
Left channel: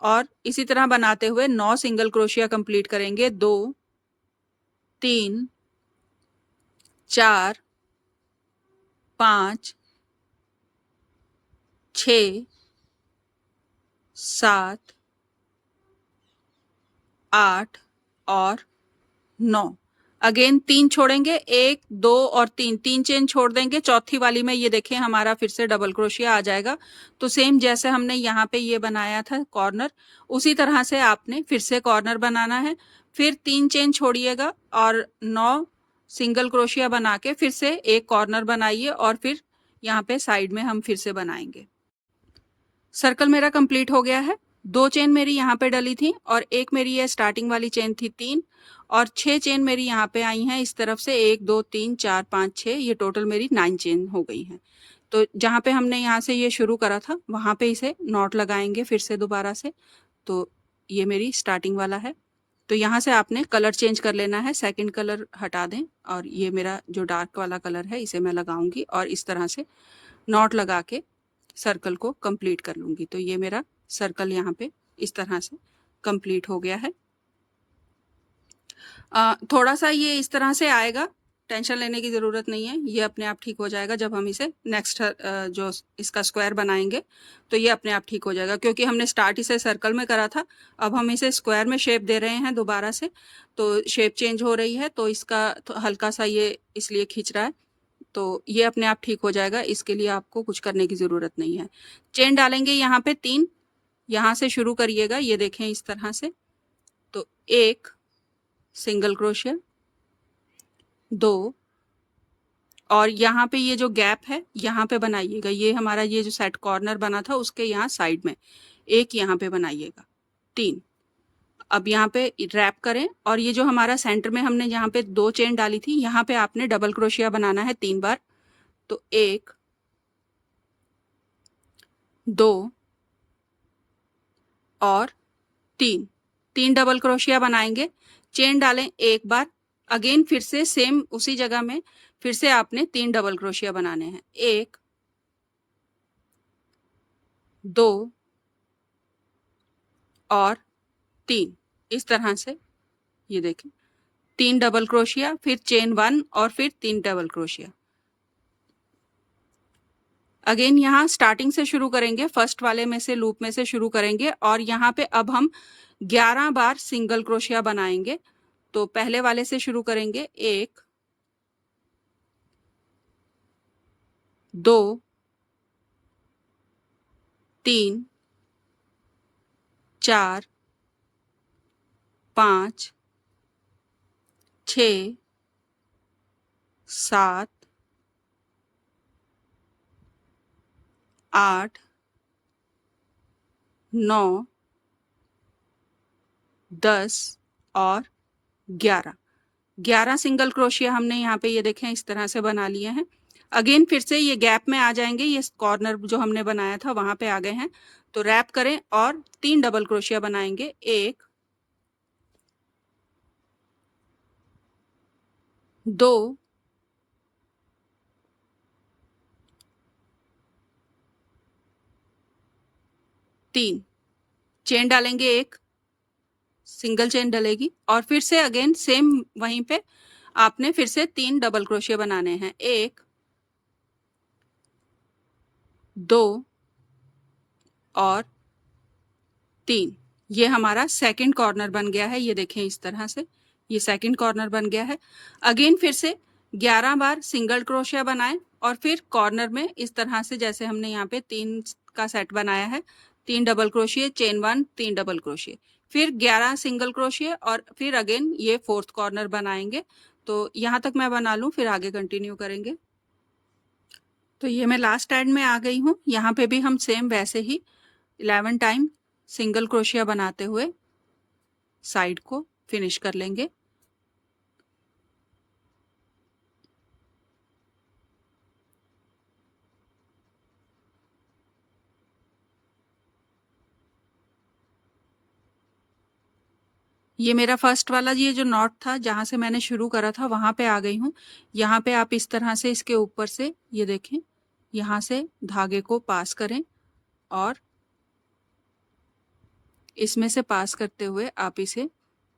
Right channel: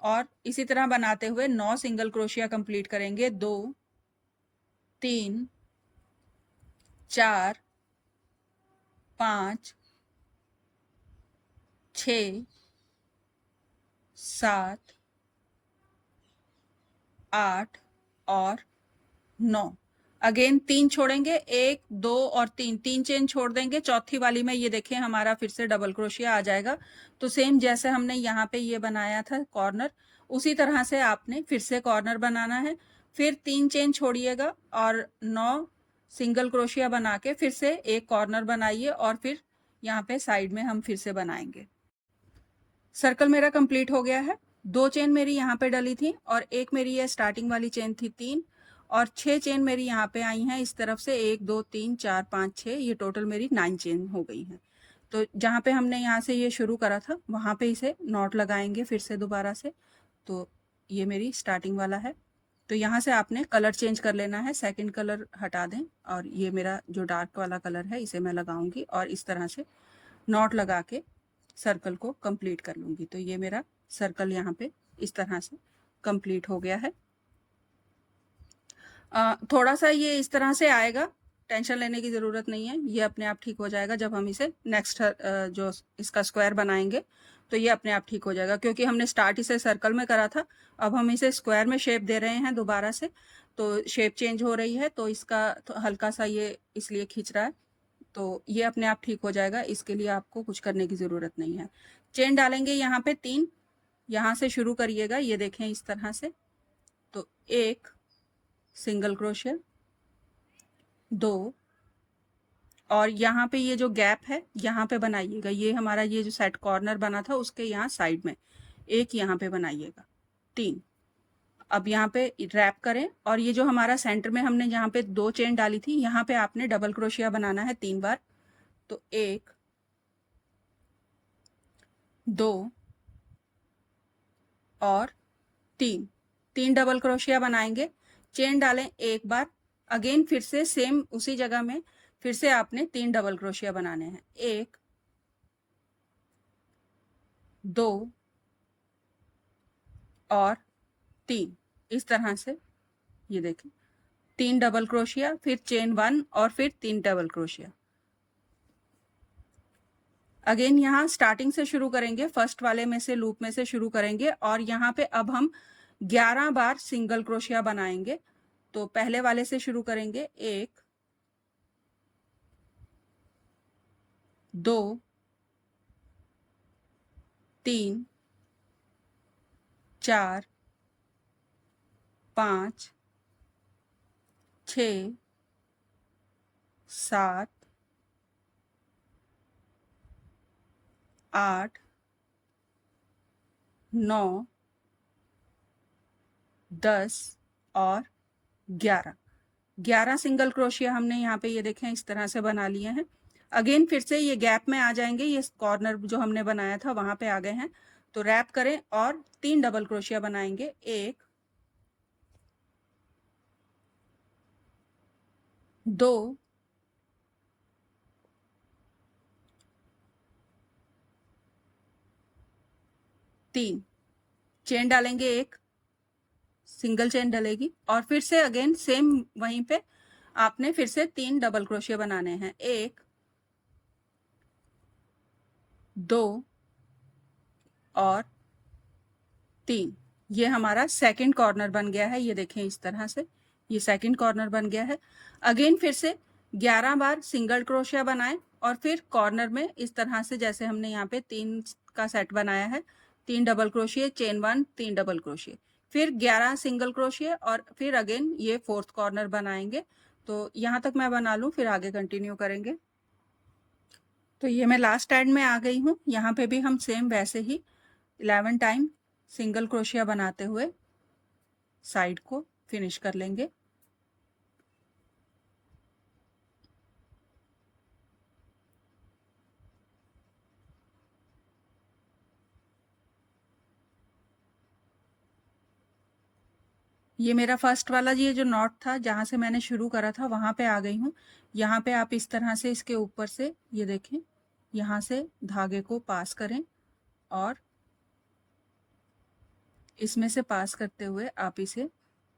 और इसी तरह बनाते हुए 9 सिंगल क्रोशिया कंप्लीट करेंगे। 2, 3, 4, 5, 6, 7, 8 और 9। अगेन तीन छोड़ेंगे, एक, दो और तीन, तीन चेन छोड़ देंगे। चौथी वाली में ये देखें हमारा फिर से डबल क्रोशिया आ जाएगा। तो सेम जैसे हमने यहाँ पे ये बनाया था कॉर्नर, उसी तरह से आपने फिर से कॉर्नर बनाना है। फिर तीन चेन छोड़िएगा और 9 सिंगल क्रोशिया बना के फिर से एक कॉर्नर बनाइए और फिर यहाँ पे साइड में हम फिर से बनाएंगे। सर्कल मेरा कंप्लीट हो गया है। दो चेन मेरी यहाँ पे डली थी और एक मेरी ये स्टार्टिंग वाली चेन थी 3, और 6 चेन मेरी यहाँ पे आई हैं इस तरफ से, 1, 2, 3, 4, 5, 6, ये टोटल मेरी 9 चेन हो गई हैं। तो जहाँ पे हमने यहाँ से ये शुरू करा था वहाँ पे इसे नॉट लगाएंगे फिर से दोबारा से। तो ये मेरी स्टार्टिंग वाला है। तो यहाँ से आपने कलर चेंज कर लेना है, सेकंड कलर हटा दें और ये मेरा जो डार्क वाला कलर है इसे मैं लगाऊंगी और इस तरह से नॉट लगा के सर्कल को कंप्लीट कर लूंगी। तो ये मेरा सर्कल यहाँ पे इस तरह से कंप्लीट हो गया है। थोड़ा सा ये इस तरह से आएगा, टेंशन लेने की ज़रूरत नहीं है, ये अपने आप ठीक हो जाएगा। जब हम इसे नेक्स्ट जो इसका स्क्वायर बनाएंगे तो ये अपने आप ठीक हो जाएगा, क्योंकि हमने स्टार्ट इसे सर्कल में करा था, अब हम इसे स्क्वायर में शेप दे रहे हैं दोबारा से, तो शेप चेंज हो रही है, तो इसका हल्का सा ये इसलिए खींच रहा है। तो ये अपने आप ठीक हो जाएगा, इसके लिए आपको कुछ करने की ज़रूरत नहीं है। चेन डालेंगे यहाँ पे 3, यहाँ से शुरू करिएगा, ये देखें इस तरह से। तो एक सिंगल क्रोशिया, 2, और यहाँ पे ये जो गैप है यहाँ पे बनाइएगा, ये हमारा ये जो सेट कॉर्नर बना था उसके यहाँ साइड में एक यहाँ पे बनाइएगा, 3। अब यहाँ पे रैप करें और ये जो हमारा सेंटर में हमने यहाँ पे 2 चेन डाली थी, यहाँ पे आपने डबल क्रोशिया बनाना है 3 बार। तो 1, 2 और 3, 3 डबल क्रोशिया बनाएंगे, चेन डालें एक बार, अगेन फिर से सेम उसी जगह में फिर से आपने 3 डबल क्रोशिया बनाने हैं, 1, 2 और 3, इस तरह से। ये देखें 3 डबल क्रोशिया, फिर चेन 1 और फिर 3 डबल क्रोशिया। अगेन यहाँ स्टार्टिंग से शुरू करेंगे, फर्स्ट वाले में से लूप में से शुरू करेंगे और यहाँ पे अब हम 11 बार सिंगल क्रोशिया बनाएंगे। तो पहले वाले से शुरू करेंगे, 1, 2, 3, 4, 5, 6, 7, 8, 9, 10 और 11। 11 सिंगल क्रोशिया हमने यहाँ पे ये देखें इस तरह से बना लिए हैं। अगेन फिर से ये गैप में आ जाएंगे, ये कॉर्नर जो हमने बनाया था वहां पे आ गए हैं। तो रैप करें और 3 डबल क्रोशिया बनाएंगे, 1, 2, 3, चेन डालेंगे, एक सिंगल चेन डलेगी और फिर से अगेन सेम वहीं पे आपने फिर से 3 डबल क्रोशिया बनाने हैं, 1, 2 और 3। ये हमारा सेकंड कॉर्नर बन गया है, ये देखें इस तरह से। ये सेकंड कॉर्नर बन गया है। अगेन फिर से 11 बार सिंगल क्रोशिया बनाएं और फिर कॉर्नर में इस तरह से, जैसे हमने यहाँ पे 3 का सेट बनाया है, 3 double crochet, chain 1, 3 double crochet, फिर 11 सिंगल क्रोशिया और फिर अगेन ये फोर्थ कॉर्नर बनाएंगे। तो यहाँ तक मैं बना लूँ, फिर आगे कंटिन्यू करेंगे। तो ये मैं लास्ट एंड में आ गई हूँ। यहाँ पे भी हम सेम वैसे ही 11 टाइम सिंगल क्रोशिया बनाते हुए साइड को फिनिश कर लेंगे। ये मेरा फर्स्ट वाला ये जो नॉट था, जहाँ से मैंने शुरू करा था, वहाँ पे आ गई हूँ। यहाँ पे आप इस तरह से इसके ऊपर से ये देखें, यहाँ से धागे को पास करें और इसमें से पास करते हुए आप इसे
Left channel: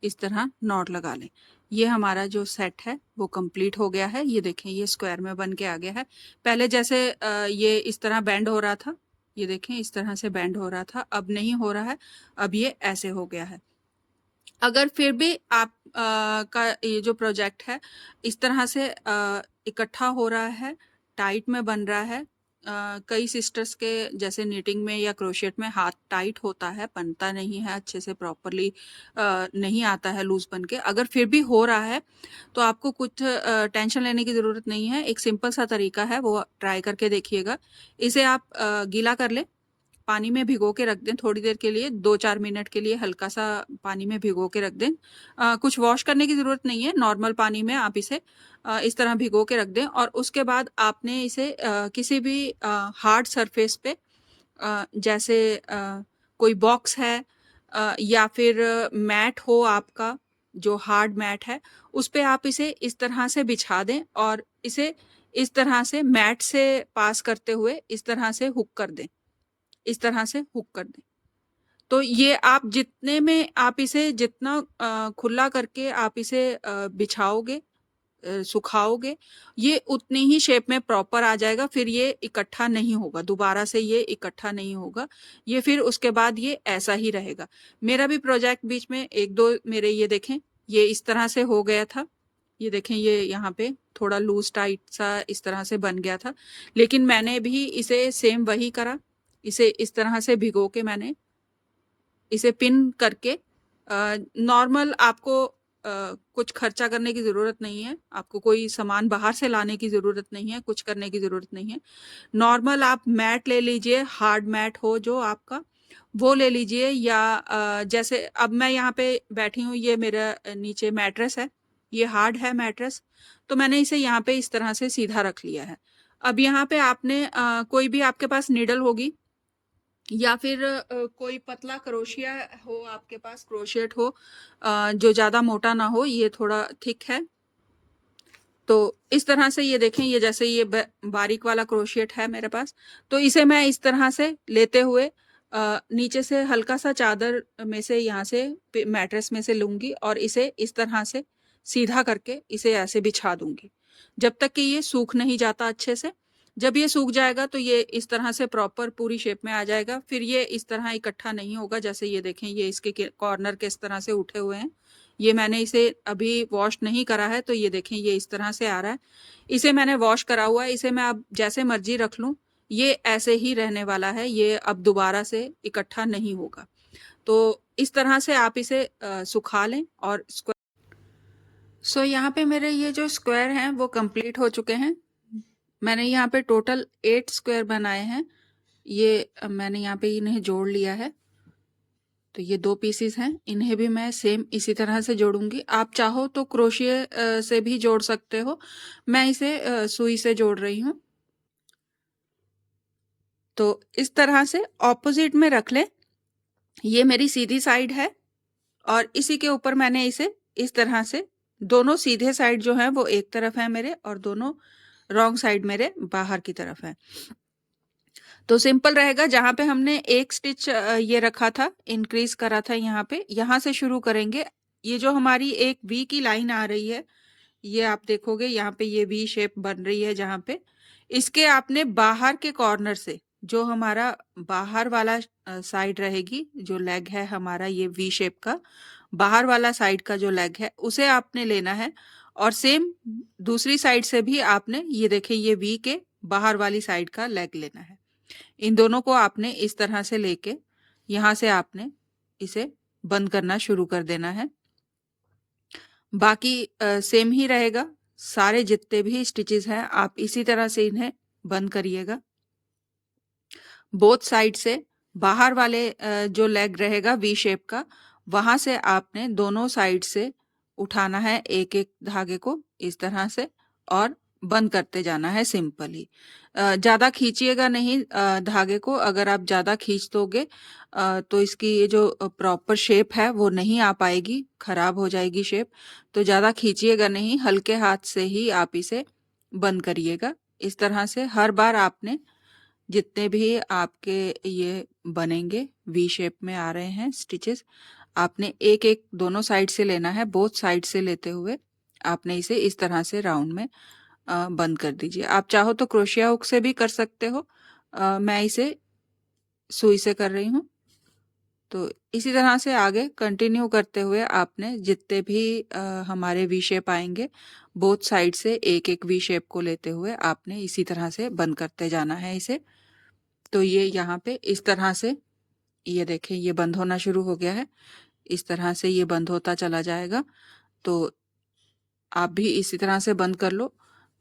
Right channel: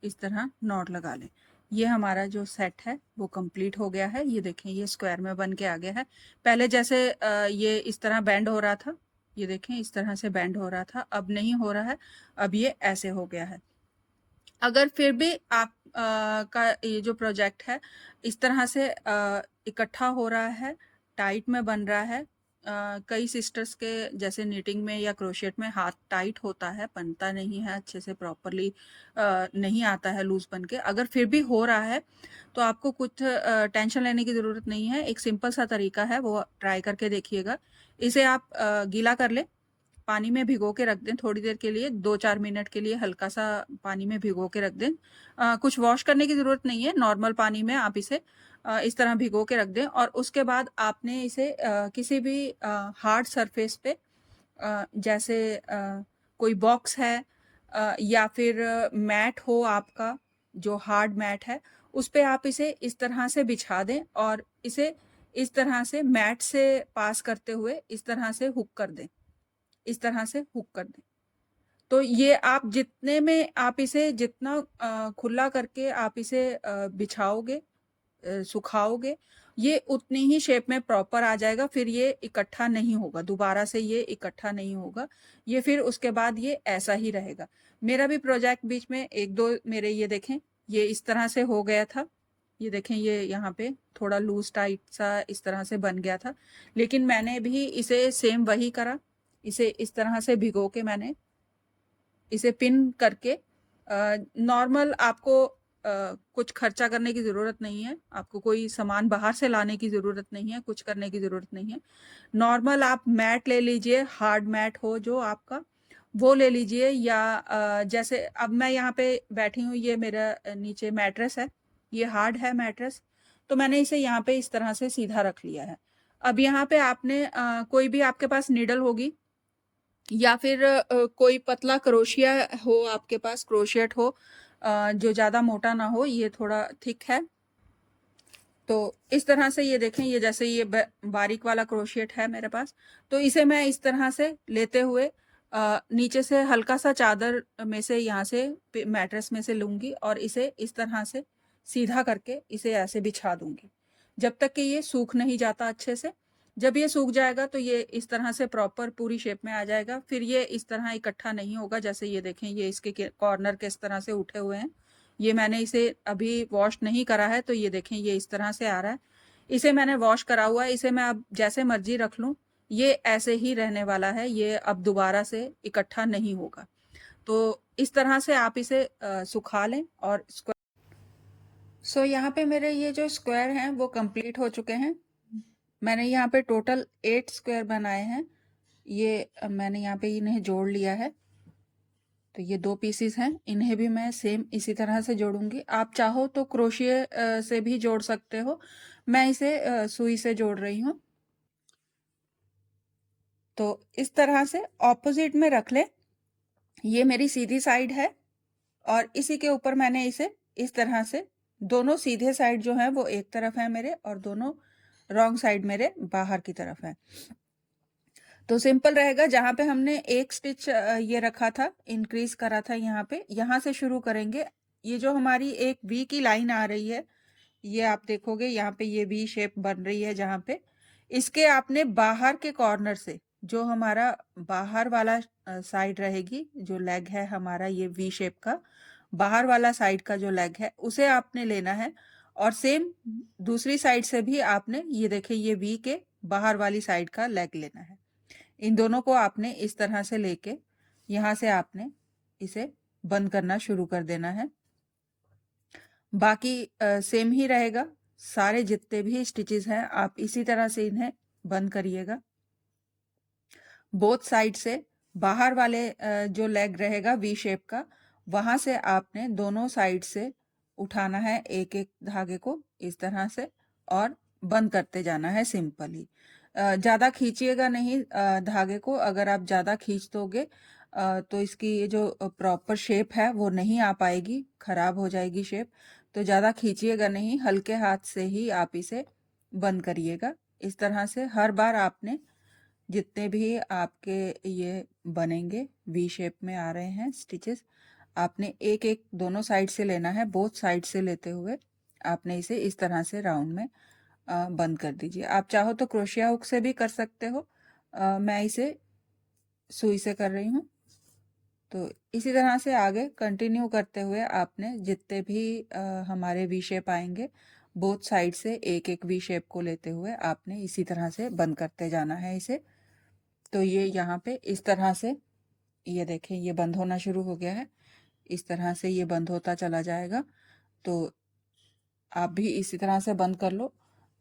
इस तरह नॉट लगा लें। ये हमारा जो सेट है वो कंप्लीट हो गया है। ये देखें, ये स्क्वायर में बन के आ गया है। पहले जैसे ये इस तरह बेंड हो रहा था, ये देखें इस तरह से बेंड हो रहा था, अब नहीं हो रहा है, अब ये ऐसे हो गया है। अगर फिर भी आप का ये जो प्रोजेक्ट है इस तरह से इकट्ठा हो रहा है, टाइट में बन रहा है, कई सिस्टर्स के जैसे नीटिंग में या क्रोशेट में हाथ टाइट होता है, बनता नहीं है अच्छे से, प्रॉपरली नहीं आता है लूज बन के, अगर फिर भी हो रहा है तो आपको कुछ टेंशन लेने की ज़रूरत नहीं है। एक सिंपल सा तरीका है, वो ट्राई करके देखिएगा। इसे आप गीला कर लें, पानी में भिगो के रख दें थोड़ी देर के लिए, 2-4 मिनट के लिए हल्का सा पानी में भिगो के रख दें। कुछ वॉश करने की ज़रूरत नहीं है, नॉर्मल पानी में आप इसे इस तरह भिगो के रख दें और उसके बाद आपने इसे किसी भी हार्ड सरफेस पे, जैसे कोई बॉक्स है या फिर मैट हो आपका, जो हार्ड मैट है, उस पे आप इसे इस तरह से बिछा दें और इसे इस तरह से मैट से पास करते हुए इस तरह से हुक कर दें, इस तरह से हुक कर दें। तो ये आप जितने में आप इसे जितना खुला करके आप इसे बिछाओगे, सुखाओगे, ये उतनी ही शेप में प्रॉपर आ जाएगा। फिर ये इकट्ठा नहीं होगा, दोबारा से ये इकट्ठा नहीं होगा, ये फिर उसके बाद ये ऐसा ही रहेगा। मेरा भी प्रोजेक्ट बीच में 1-2 मेरे ये देखें, ये इस तरह से हो गया था। ये देखें, ये यहाँ पे थोड़ा लूज टाइट सा इस तरह से बन गया था, लेकिन मैंने भी इसे सेम वही करा। इसे इस तरह से भिगो के मैंने इसे पिन करके, नॉर्मल आपको कुछ खर्चा करने की ज़रूरत नहीं है, आपको कोई सामान बाहर से लाने की ज़रूरत नहीं है, कुछ करने की ज़रूरत नहीं है। नॉर्मल आप मैट ले लीजिए, हार्ड मैट हो जो आपका, वो ले लीजिए, या जैसे अब मैं यहाँ पे बैठी हूँ, ये मेरा नीचे मैट्रेस है, ये हार्ड है मैट्रेस, तो मैंने इसे यहाँ पे इस तरह से सीधा रख लिया है। अब यहाँ पे आपने कोई भी आपके पास नीडल होगी या फिर कोई पतला क्रोशिया हो आपके पास, क्रोशियट हो जो ज़्यादा मोटा ना हो, ये थोड़ा थिक है, तो इस तरह से ये देखें, ये जैसे ये बारीक वाला क्रोशियट है मेरे पास, तो इसे मैं इस तरह से लेते हुए नीचे से हल्का सा चादर में से, यहाँ से मैट्रेस में से लूँगी और इसे इस तरह से सीधा करके इसे ऐसे बिछा दूँगी, जब तक कि ये सूख नहीं जाता अच्छे से। जब ये सूख जाएगा तो ये इस तरह से प्रॉपर पूरी शेप में आ जाएगा, फिर ये इस तरह इकट्ठा नहीं होगा। जैसे ये देखें, ये इसके कॉर्नर किस तरह से उठे हुए हैं, ये मैंने इसे अभी वॉश नहीं करा है, तो ये देखें ये इस तरह से आ रहा है। इसे मैंने वॉश करा हुआ है, इसे मैं अब जैसे मर्जी रख लूँ, ये ऐसे ही रहने वाला है, ये अब दोबारा से इकट्ठा नहीं होगा। तो इस तरह से आप इसे सुखा लें और सो यहाँ पे मेरे ये जो स्क्वायर हैं वो कंप्लीट हो चुके हैं। मैंने यहाँ पे टोटल 8 स्क्वायर बनाए हैं। ये मैंने यहाँ पे इन्हें जोड़ लिया है, तो ये 2 पीसीस हैं, इन्हें भी मैं सेम इसी तरह से जोड़ूंगी। आप चाहो तो क्रोशिया से भी जोड़ सकते हो, मैं इसे सुई से जोड़ रही हूँ। तो इस तरह से ऑपोजिट में रख लें, ये मेरी सीधी साइड है और इसी के ऊपर मैंने इसे इस तरह से, दोनों सीधे साइड जो हैं वो एक तरफ है मेरे और दोनों रॉन्ग साइड मेरे बाहर की तरफ है। तो सिंपल रहेगा, जहाँ पे हमने एक स्टिच ये रखा था, इंक्रीज करा था, यहाँ पे, यहाँ से शुरू करेंगे। ये जो हमारी एक वी की लाइन आ रही है, ये आप देखोगे यहाँ पे ये वी शेप बन रही है, जहाँ पे इसके आपने बाहर के कॉर्नर से, जो हमारा बाहर वाला साइड रहेगी, जो लेग है हमारा ये वी शेप का, बाहर वाला साइड का जो लेग है उसे आपने लेना है, और सेम दूसरी साइड से भी आपने ये देखिए ये वी के बाहर वाली साइड का लेग लेना है। इन दोनों को आपने इस तरह से लेके यहाँ से आपने इसे बंद करना शुरू कर देना है। बाकी सेम ही रहेगा, सारे जितने भी स्टिचेस हैं आप इसी तरह से इन्हें बंद करिएगा। बोथ साइड से बाहर वाले जो लेग रहेगा वी शेप का, वहां से आपने दोनों साइड से उठाना है एक एक धागे को इस तरह से और बंद करते जाना है सिंपली। ज़्यादा खींचिएगा नहीं धागे को, अगर आप ज़्यादा खींच दोगे तो इसकी ये जो प्रॉपर शेप है वो नहीं आ पाएगी, खराब हो जाएगी शेप। तो ज़्यादा खींचिएगा नहीं, हल्के हाथ से ही आप इसे बंद करिएगा। इस तरह से हर बार आपने जितने भी आपके ये बनेंगे वी शेप में आ रहे हैं स्टिचेस, आपने एक एक दोनों साइड से लेना है, बोथ साइड से लेते हुए आपने इसे इस तरह से राउंड में बंद कर दीजिए। आप चाहो तो क्रोशिया हुक से भी कर सकते हो, मैं इसे सुई से कर रही हूँ। तो इसी तरह से आगे कंटिन्यू करते हुए आपने जितने भी हमारे वी शेप आएंगे बोथ साइड से एक एक वी शेप को लेते हुए आपने इसी तरह से बंद करते जाना है इसे। तो ये यहाँ पे इस तरह से ये देखें ये बंद होना शुरू हो गया है, इस तरह से ये बंद होता चला जाएगा। तो आप भी इसी तरह से बंद कर लो,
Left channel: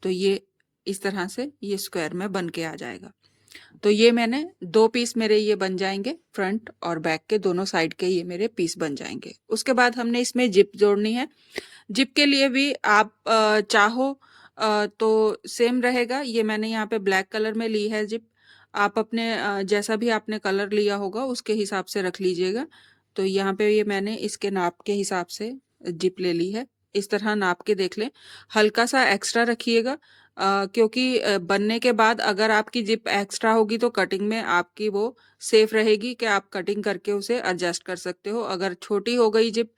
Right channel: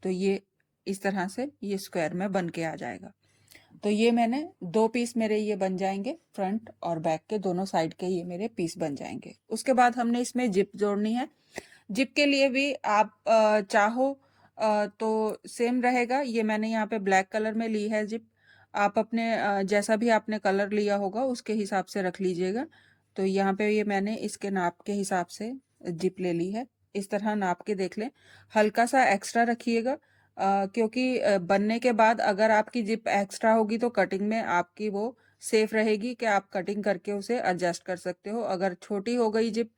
तो ये इस तरह से ये स्क्वायर में बन के आ जाएगा। तो ये मैंने 2 पीस मेरे ये बन जाएंगे, फ्रंट और बैक के दोनों साइड के ये मेरे पीस बन जाएंगे। उसके बाद हमने इसमें जिप जोड़नी है। जिप के लिए भी आप चाहो तो सेम रहेगा। ये मैंने यहाँ पे ब्लैक कलर में ली है जिप, आप अपने जैसा भी आपने कलर लिया होगा उसके हिसाब से रख लीजिएगा। तो यहाँ पे ये मैंने इसके नाप के हिसाब से जिप ले ली है। इस तरह नाप के देख लें, हल्का सा एक्स्ट्रा रखिएगा क्योंकि बनने के बाद अगर आपकी जिप एक्स्ट्रा होगी तो कटिंग में आपकी वो सेफ रहेगी कि आप कटिंग करके उसे एडजस्ट कर सकते हो। अगर छोटी हो गई जिप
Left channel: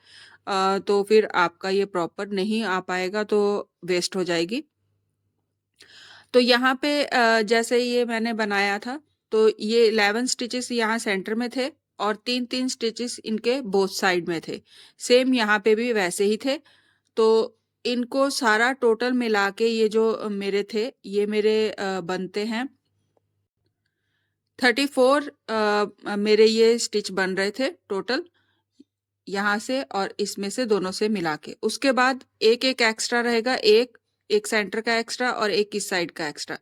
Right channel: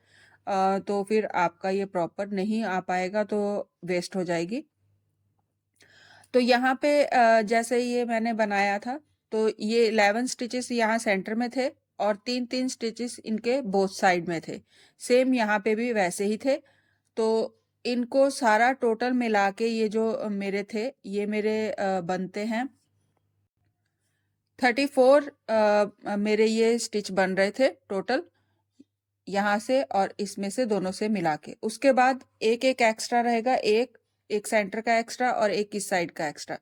तो फिर आपका ये प्रॉपर नहीं आ पाएगा, तो वेस्ट हो जाएगी। तो यहाँ पे जैसे ये मैंने बनाया था, तो ये 11 स्टिचेस यहाँ सेंटर में थे और 3-3 स्टिचेस इनके बोथ साइड में थे। सेम यहाँ पे भी वैसे ही थे। तो इनको सारा टोटल मिला के ये जो मेरे थे ये मेरे बनते हैं 34 मेरे ये स्टिच बन रहे थे टोटल, यहाँ से और इसमें से दोनों से मिला के। उसके बाद एक एक एक्स्ट्रा रहेगा, एक सेंटर का एक्स्ट्रा और एक इस साइड का एक्स्ट्रा।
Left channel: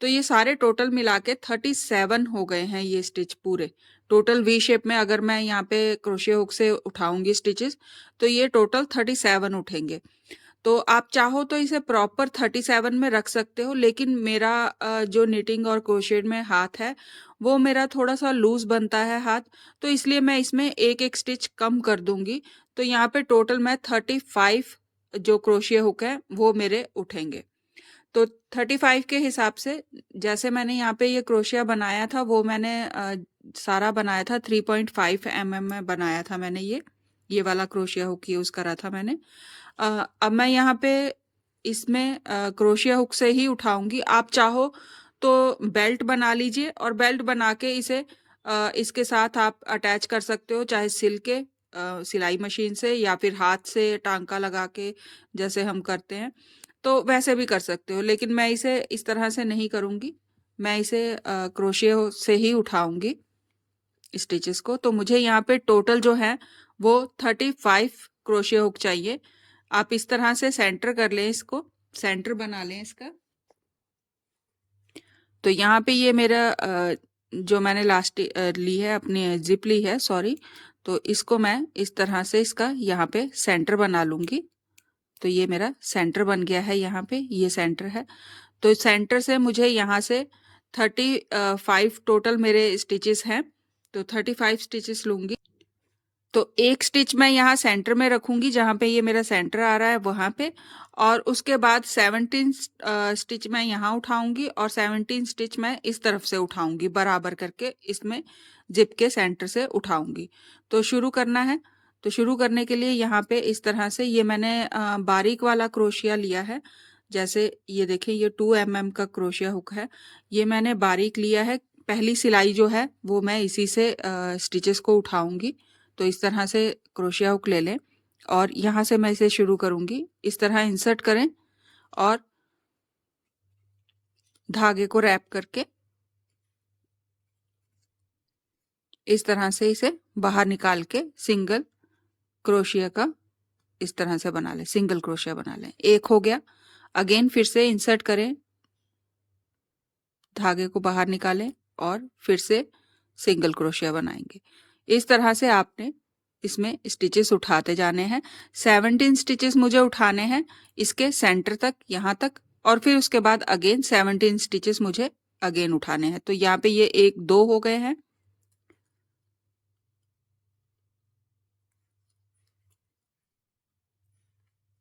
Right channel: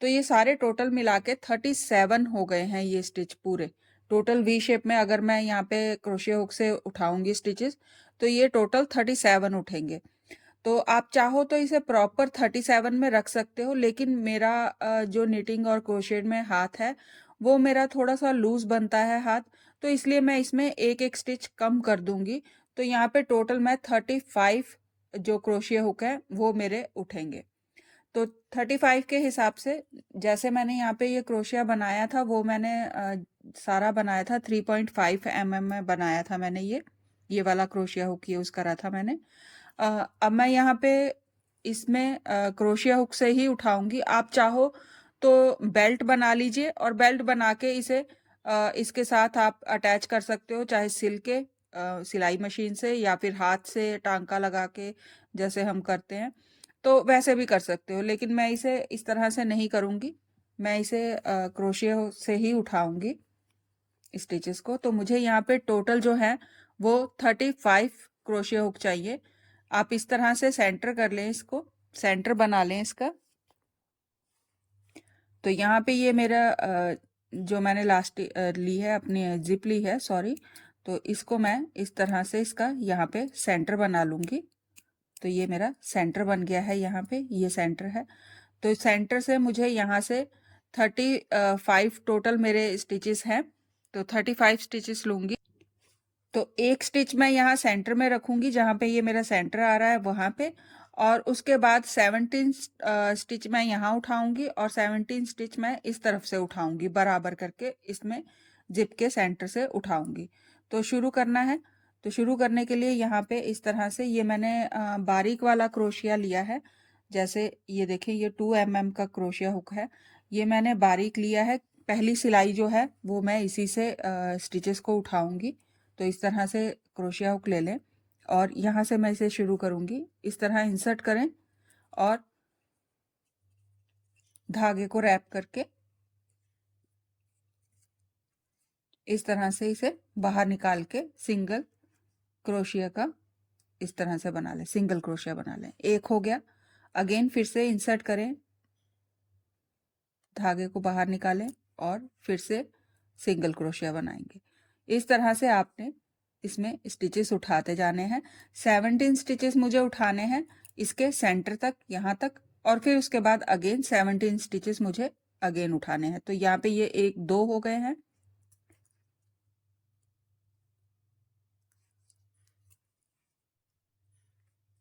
तो ये सारे टोटल मिला के 37 हो गए हैं ये स्टिच पूरे टोटल वी शेप में। अगर मैं यहाँ पे क्रोशिया हुक से उठाऊंगी स्टिचेस तो ये टोटल 37 उठेंगे। तो आप चाहो तो इसे प्रॉपर 37 में रख सकते हो, लेकिन मेरा जो निटिंग और क्रोशेट में हाथ है वो मेरा थोड़ा सा लूज बनता है हाथ, तो इसलिए मैं इसमें एक एक स्टिच कम कर दूंगी। तो यहाँ पे टोटल मैं 35 जो क्रोशिया हुक है वो मेरे उठेंगे। तो 35 के हिसाब से जैसे मैंने यहाँ पे ये क्रोशिया बनाया था वो मैंने सारा बनाया था 3.5 mm में बनाया था मैंने ये वाला क्रोशिया हुक यूज़ करा था मैंने। अब मैं यहाँ पे इसमें क्रोशिया हुक से ही उठाऊंगी। आप चाहो तो बेल्ट बना लीजिए और बेल्ट बना के इसे इसके साथ आप अटैच कर सकते हो, चाहे सिल के सिलाई मशीन से या फिर हाथ से टांका लगा के जैसे हम करते हैं, तो वैसे भी कर सकते हो। लेकिन मैं इसे इस तरह से नहीं करूँगी, मैं इसे क्रोशिया से ही उठाऊंगी स्टिचेस को। तो मुझे यहाँ पे टोटल जो है वो 35 क्रोशिया हुक चाहिए। आप इस तरह से सेंटर कर लें, इसको सेंटर बना लें इसका। तो यहाँ पे ये मेरा जो मैंने लास्ट ली है अपनी जिप ली है सॉरी, तो इसको मैं इस तरह से इसका यहाँ पे सेंटर बना लूँगी। तो ये मेरा सेंटर बन गया है, यहाँ पे ये सेंटर है। तो सेंटर से मुझे यहाँ से 35 टोटल मेरे स्टिचेस हैं, तो 35 स्टिचेस लूँगी। तो एक स्टिच मैं यहाँ सेंटर में रखूँगी जहाँ पे ये मेरा सेंटर आ रहा है वहाँ पे, और उसके बाद 17 स्टिच मैं यहाँ उठाऊँगी और 17 स्टिच मैं इस तरफ से उठाऊँगी, बराबर करके इसमें जिप के सेंटर से उठाऊँगी। तो शुरू करना है। तो शुरू करने के लिए यहाँ पे इस तरह से ये मैंने बारीक वाला क्रोशिया लिया है। जैसे ये देखें ये 2 mm का क्रोशिया हुक है, ये मैंने बारीक लिया है। पहली सिलाई जो है वो मैं इसी से स्टिचेस को उठाऊँगी। तो इस तरह से क्रोशिया हुक ले लें और यहाँ से मैं इसे शुरू करूँगी। इस तरह इंसर्ट करें और धागे को रैप करके इस तरह से इसे बाहर निकाल के सिंगल क्रोशिया का इस तरह से बना लें, सिंगल क्रोशिया बना लें। एक हो गया। अगेन फिर से इंसर्ट करें, धागे को बाहर निकालें और फिर से सिंगल क्रोशिया बनाएंगे। इस तरह से आपने इसमें स्टिचेस उठाते जाने हैं। 17 स्टिचेस मुझे उठाने हैं इसके सेंटर तक, यहाँ तक, और फिर उसके बाद अगेन 17 स्टिचेस मुझे अगेन उठाने हैं। तो यहाँ पे ये 1 2 हो गए हैं,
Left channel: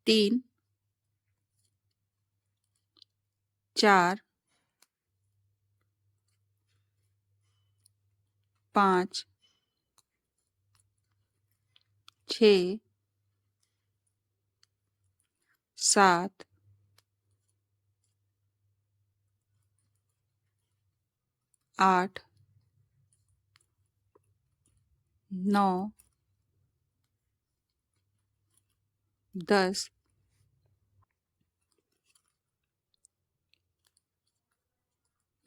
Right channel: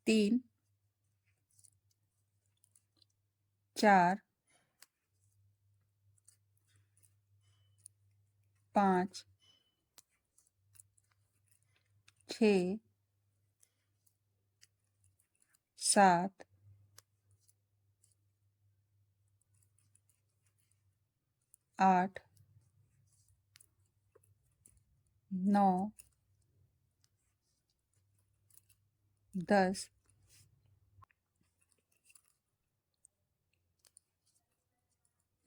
3 4 5 6 7 8 9 10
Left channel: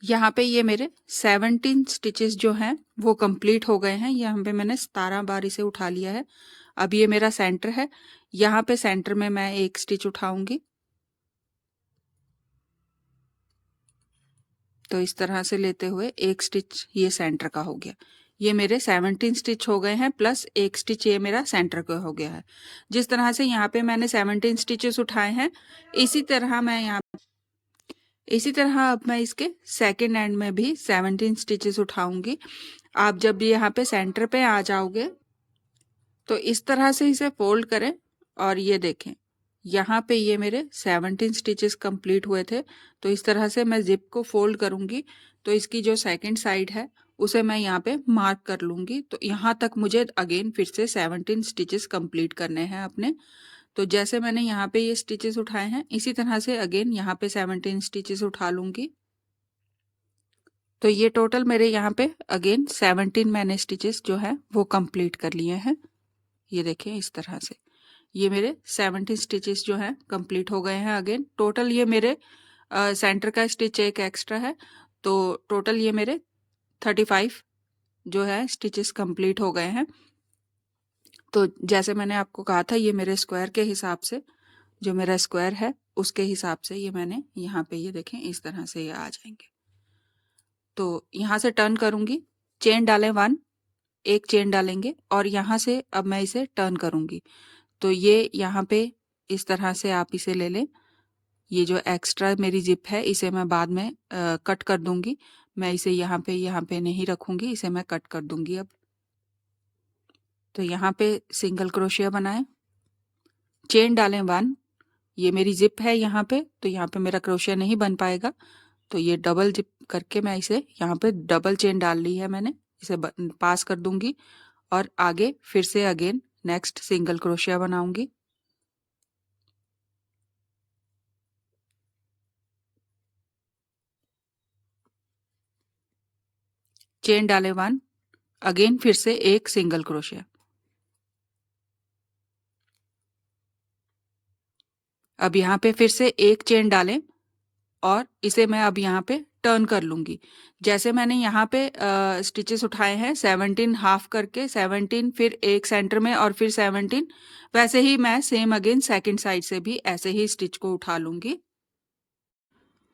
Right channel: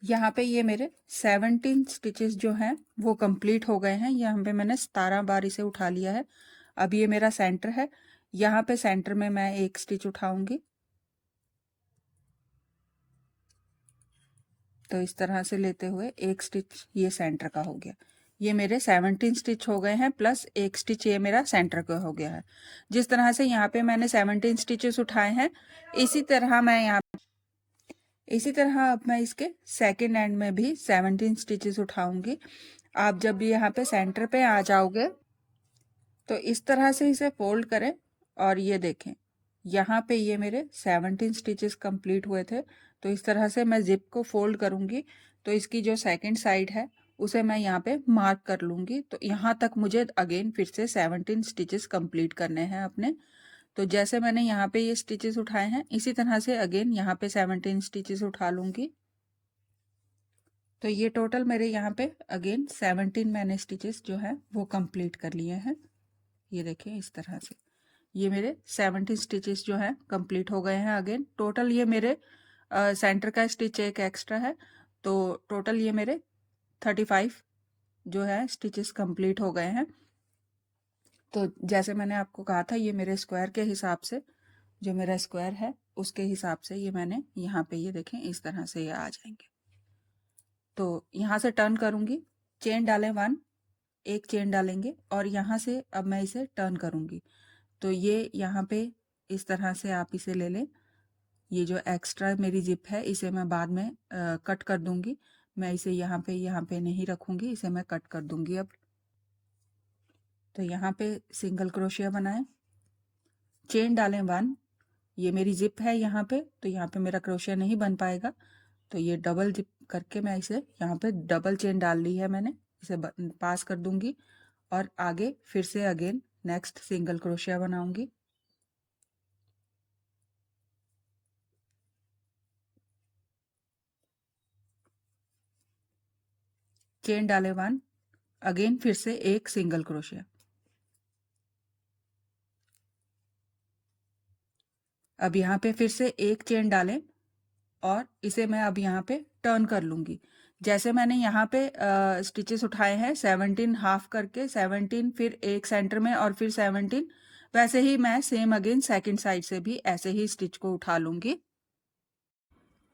यहाँ पे ये मेरे 17 स्टिचेस जो हैं वो कंप्लीट हो गए हैं। यहाँ पे मैंने 17 बार इसे उठा लिया है। अब ये मेरा सेंटर है, यहाँ पे सेंटर में मैं एक स्टिच उठाऊंगी। तो इस तरह से लेते हुए एक स्टिच ये सेंटर का हो गया। ये मेरे 17 स्टिच हो गए हैं, प्लस एक स्टिच ये मेरा सेंटर का हो गया है। जिस तरह से यहाँ पे मैंने 17 स्टिचेस उठाए हैं, इसी तरह अब मैं इसके सेकेंड एंड में भी 17 स्टिचेस उठाऊंगी। आप जब यहाँ पे सेंटर पे आ जाओगे तो इस तरह से इसे फोल्ड करें और ये देखें, यहाँ पे ये मेरे 17 स्टिचेस कंप्लीट हुए थे। तो इस तरह से मैं जिप को फोल्ड करूँगी तो इसकी जो सेकंड साइड है उसे मैं यहाँ पे मार्क कर लूँगी। तो यहाँ तक मुझे अगेन फिर से 17 स्टिचेस कंप्लीट करने हैं अपने। तो जैसे मैंने यहाँ पे ये स्टिचेस उठाए हैं, इसी तरह से अगेन यहाँ पे 17 स्टिचेस उठा लूँगी। तो ये टोटल मेरे यहाँ पे अगेन 17 मैंने स्टिचेस जो है वो कंप्लीट कर लिए हैं। ये देखें इस तरह से ये मेरे 17 स्टिचेस जो हैं कंप्लीट हो गए हैं। अगेन टोटल ये मेरे सेंटर का स्टिच एक एक्स्ट्रा है, तो टोटल ये मेरे 35 जो है स्टिचेस कंप्लीट हो गए हैं। तो जैसे मैंने आपको कहा था, ये मेरे स्क्वायर के हिसाब से, जो मेरा स्क्वायर है उसके हिसाब से ये मैंने यहाँ पे ये देखें इस तरह से ये आ जाएंगे। तो यहाँ से टर्न करूँगी, चेन डालें 1, एक चेन डालेंगे और यहाँ से अब मैं इसे टर्न करूँगी। तो ये यहाँ पे इस तरह से आप इसे ले लें। ये जो एक्स्ट्रा मेरी जिप है इसे मैं बाद में कट कर दूंगी। मैं इसे यहाँ पे नहीं रखूंगी, इसे मैं कट कर दूंगी अब। तो यहाँ पे सिंगल क्रोशिया बनाएं, चेन डालें 1, ये मेरी जिप है यहाँ पे, तो यहाँ पे मेरा क्रोशिया नहीं बन पाएगा। तो ये डबल जिप करके मैं इसे यहाँ पे डबल चेन डाल ली है मैंने, इसे पास कर दूंगी और आगे फिर से अगेन नेक्स्ट सिंगल क्रोशिया बनाऊंगी। चेन डालें 1, अगेन फिर से एक सिंगल क्रोशिया। अब यहाँ पे फिर से एक चेन डालें और इसे मैं अब यहाँ पे टर्न कर लूँगी। जैसे मैंने यहाँ पे स्टिचेस उठाए हैं 17 हाफ करके, 17 फिर एक सेंटर में और फिर 17, वैसे ही मैं सेम अगेन सेकंड साइड से भी ऐसे ही स्टिच को उठा लूँगी।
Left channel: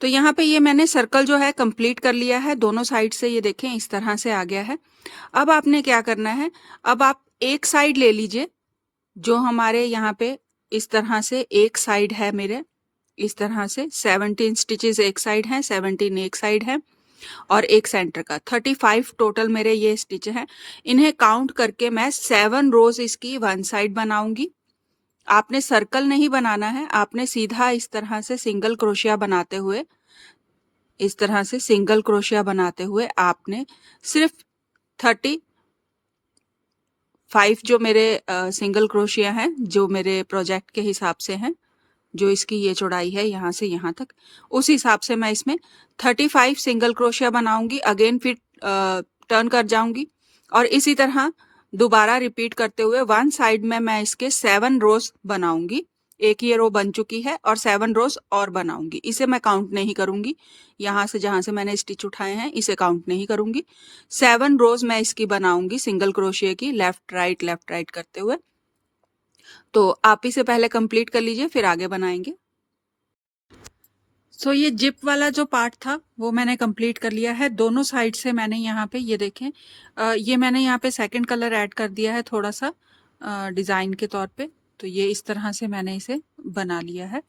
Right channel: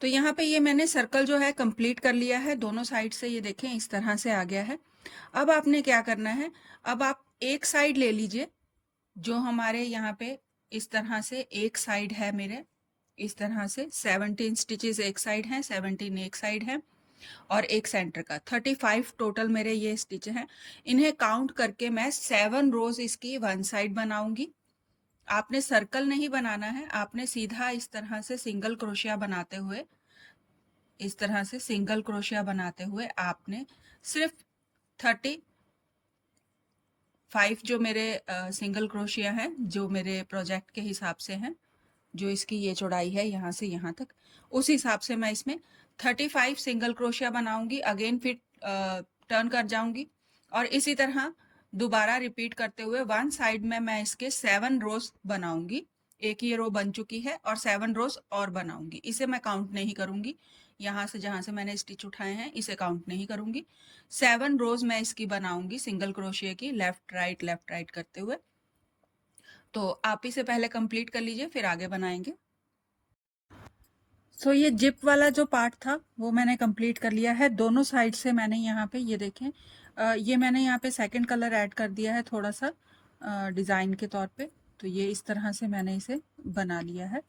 तो यहाँ पे ये मैंने सर्कल जो है कंप्लीट कर लिया है दोनों साइड से, ये देखें इस तरह से आ गया है। अब आपने क्या करना है, अब आप एक साइड ले लीजिए, जो हमारे यहाँ पे इस तरह से एक साइड है मेरे, इस तरह से 17 स्टिचेस एक साइड हैं, 17 एक साइड है और एक सेंटर का, 35 टोटल मेरे ये स्टिच हैं। इन्हें काउंट करके मैं 7 रोज इसकी वन साइड बनाऊंगी। आपने सर्कल नहीं बनाना है, आपने सीधा इस तरह से सिंगल क्रोशिया बनाते हुए, इस तरह से सिंगल क्रोशिया बनाते हुए आपने सिर्फ 35 जो मेरे सिंगल क्रोशिया हैं, जो मेरे प्रोजेक्ट के हिसाब से हैं, जो इसकी ये चौड़ाई है यहाँ से यहाँ तक, उस हिसाब से मैं इसमें 35 सिंगल क्रोशिया बनाऊंगी। अगेन फिर टर्न कर जाऊंगी और इसी तरह दोबारा रिपीट करते हुए वन साइड में मैं इसके 7 रोज बनाऊंगी। एक ये रो बन चुकी है और 7 रोज और बनाऊंगी। इसे मैं काउंट नहीं करूंगी, यहाँ से जहां से मैंने स्टिच उठाए हैं इसे काउंट नहीं करूंगी। 7 रोज मैं इसकी बनाऊंगी सिंगल क्रोशिया की, लेफ्ट राइट करते हुए। तो आप इसे पहले कंप्लीट कर लीजिए, फिर आगे बनाएंगे। सो ये जिप वाला जो पार्ट था वो मैंने कंप्लीट कर लिया है। दोनों साइड से मैंने यहाँ पे ये देखें, ये मैंने यहाँ पे सेकंड कलर ऐड कर दिया है थोड़ा सा डिज़ाइन के तौर पे। तो ये इस तरह से मैंने इसे बना लिया है।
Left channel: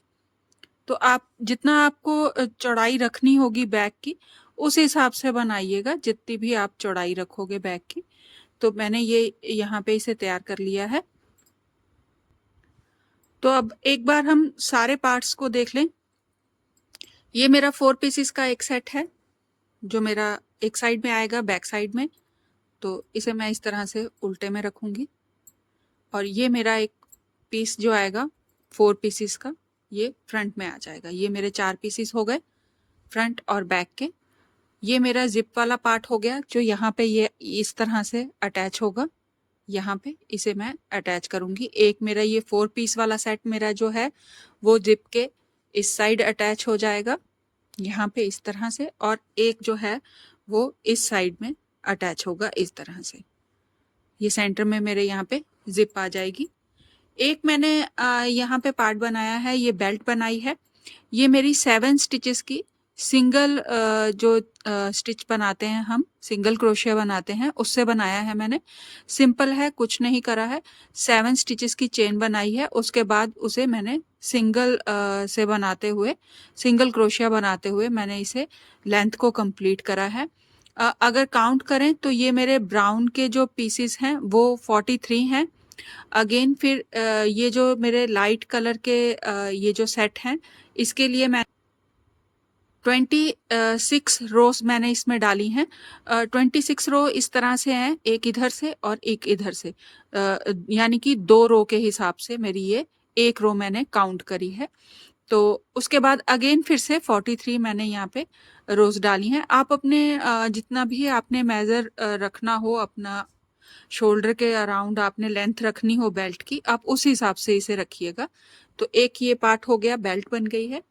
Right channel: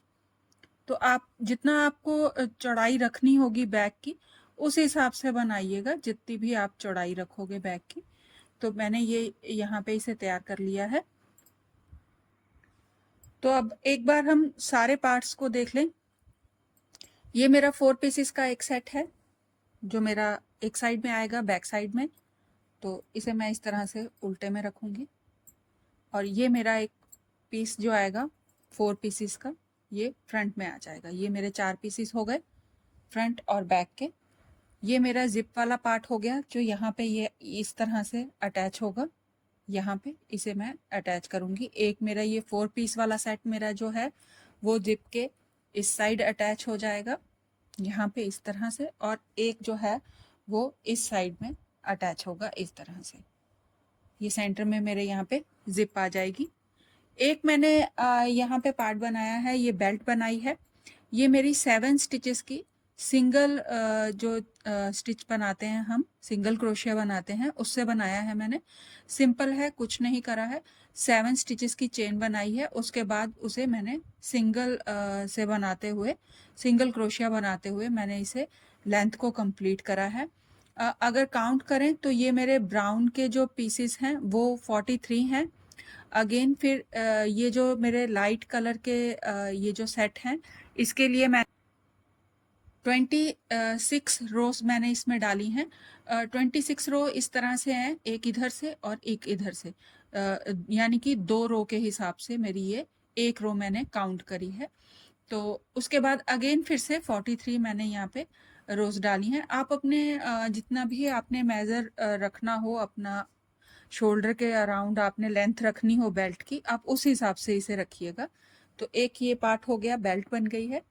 तो आप जितना आपको चौड़ाई रखनी होगी बैक की उस हिसाब से बनाइएगा, जितनी भी आप चौड़ाई रखोगे बैक की। तो मैंने ये यहाँ पे इसे तैयार कर लिया है। तो अब एक बार हम सारे पार्ट्स को देख लें। ये मेरा 4 पीसेस का एक सेट है जो मेरा एक साइड में आएगा बैक साइड में। तो इसे मैं इस तरह से उल्टे में रखूंगी और ये मेरा एक पीस जो आएगा 4 पीसेस का ये फ्रंट में आ जाएगा। ये मेरे 4 पीसेस हो गए फ्रंट और बैक के। ये मेरा जिप वाला पार्ट हो गया जो यहाँ पे ये इस तरह से अटैच होगा। यहाँ पे इसे मैं अटैच करूंगी। एक मेरा ये 4 पीस वाला सेट मेरा जो है वो जिप के इस साइड अटैच हो जाएगा यहाँ पे इस तरह से, और एक जो है वो इस साइड में अटैच होगा इस तरह से। ये सेंटर में मेरे यहाँ पे जिप आ जाएगी। एक मैंने यहाँ पे पार्ट बनाया है, ये बेल्ट बनाई है। ये मेरी 7 स्टिचेस की सिंगल जो स्टिच बनाते हैं हम, सिंगल क्रोशिया बनाते हैं, उससे बनाया है मैंने। सिंपल है, कुछ नहीं करा है। 7 स्टिचेस की चेन बनाई है, उसके बाद उसे मैंने सिंगल से बनाते हुए, सिंगल क्रोशिया बनाते हुए मैंने इसे लेंथ को कंप्लीट करा है। अगर काउंट करें तो ये मेरे ब्राउन के जो पीसेस हैं वो 43 हैं। अगेन फिर ये जो मेरे लाइट कलर के ये जो सेट हैं इसके लिए मैं 26 रोज मैंने इसमें डाली हैं। 26 रो इस तरह से हैं, एक इधर से और एक इधर से, यानी कि 2 रो के हिसाब से मेरी ये एक रो मैंने काउंट करी है। तो उसके बाद अगेन फिर से 43 मैंने यहाँ पे रोज डाली हैं। आप अपने जितना भी आपने मेजर रखना हो, अपना शोल्डर के अराउंड आपने लेंथ रखनी हो बेल्ट की, आप उस हिसाब से इसे रखिएगा। तो एक ये पार्ट हो गया, बेल्ट बन गई है।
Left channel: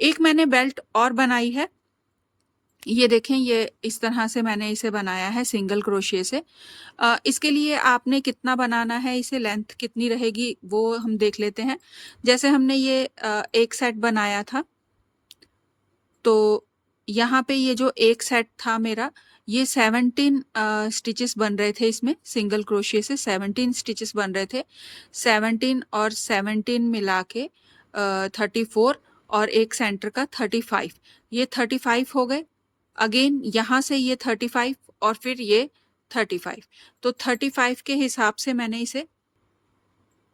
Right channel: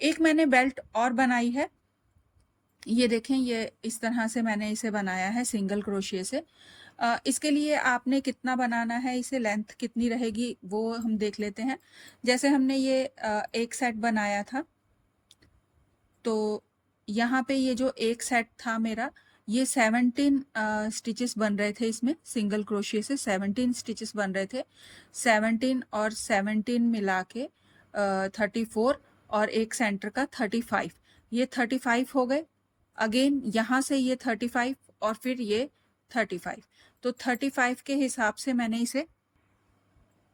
एक मैंने बेल्ट और बनाई है, ये देखें, ये इस तरह से मैंने इसे बनाया है सिंगल क्रोशिया से। इसके लिए आपने कितना बनाना है, इसे लेंथ कितनी रहेगी वो हम देख लेते हैं। जैसे हमने ये एक सेट बनाया था, तो यहाँ पे ये जो एक सेट था मेरा, ये 17 स्टिचेस बन रहे थे इसमें, सिंगल क्रोशिया से 17 स्टिचेस बन रहे थे। 17 और 17 मिला के 34 और एक सेंटर का 35, ये 35 हो गए। अगेन यहाँ से ये 35 और फिर ये 35, तो 35 के हिसाब से मैंने इसे,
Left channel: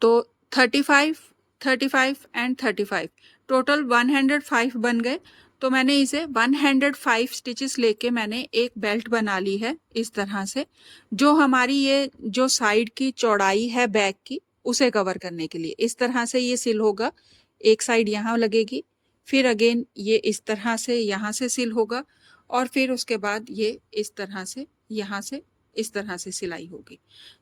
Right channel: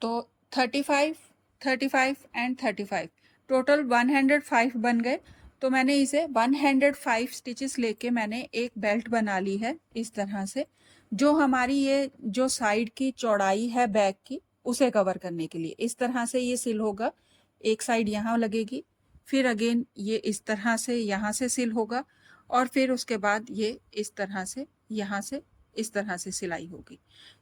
तो 35, 35 एंड 35 टोटल 105 बन गए। तो मैंने इसे 105 स्टिचेस लेके मैंने एक बेल्ट बना ली है इस तरह से, जो हमारी ये जो साइड की चौड़ाई है बैक की उसे कवर करने के लिए। इस तरह से ये सिल होगा, एक साइड यहाँ लगेगी, फिर अगेन ये इस तरह से यहाँ से सिल होगा, और फिर उसके बाद ये इस तरह से यहाँ से इस तरह से सिलाई होगी।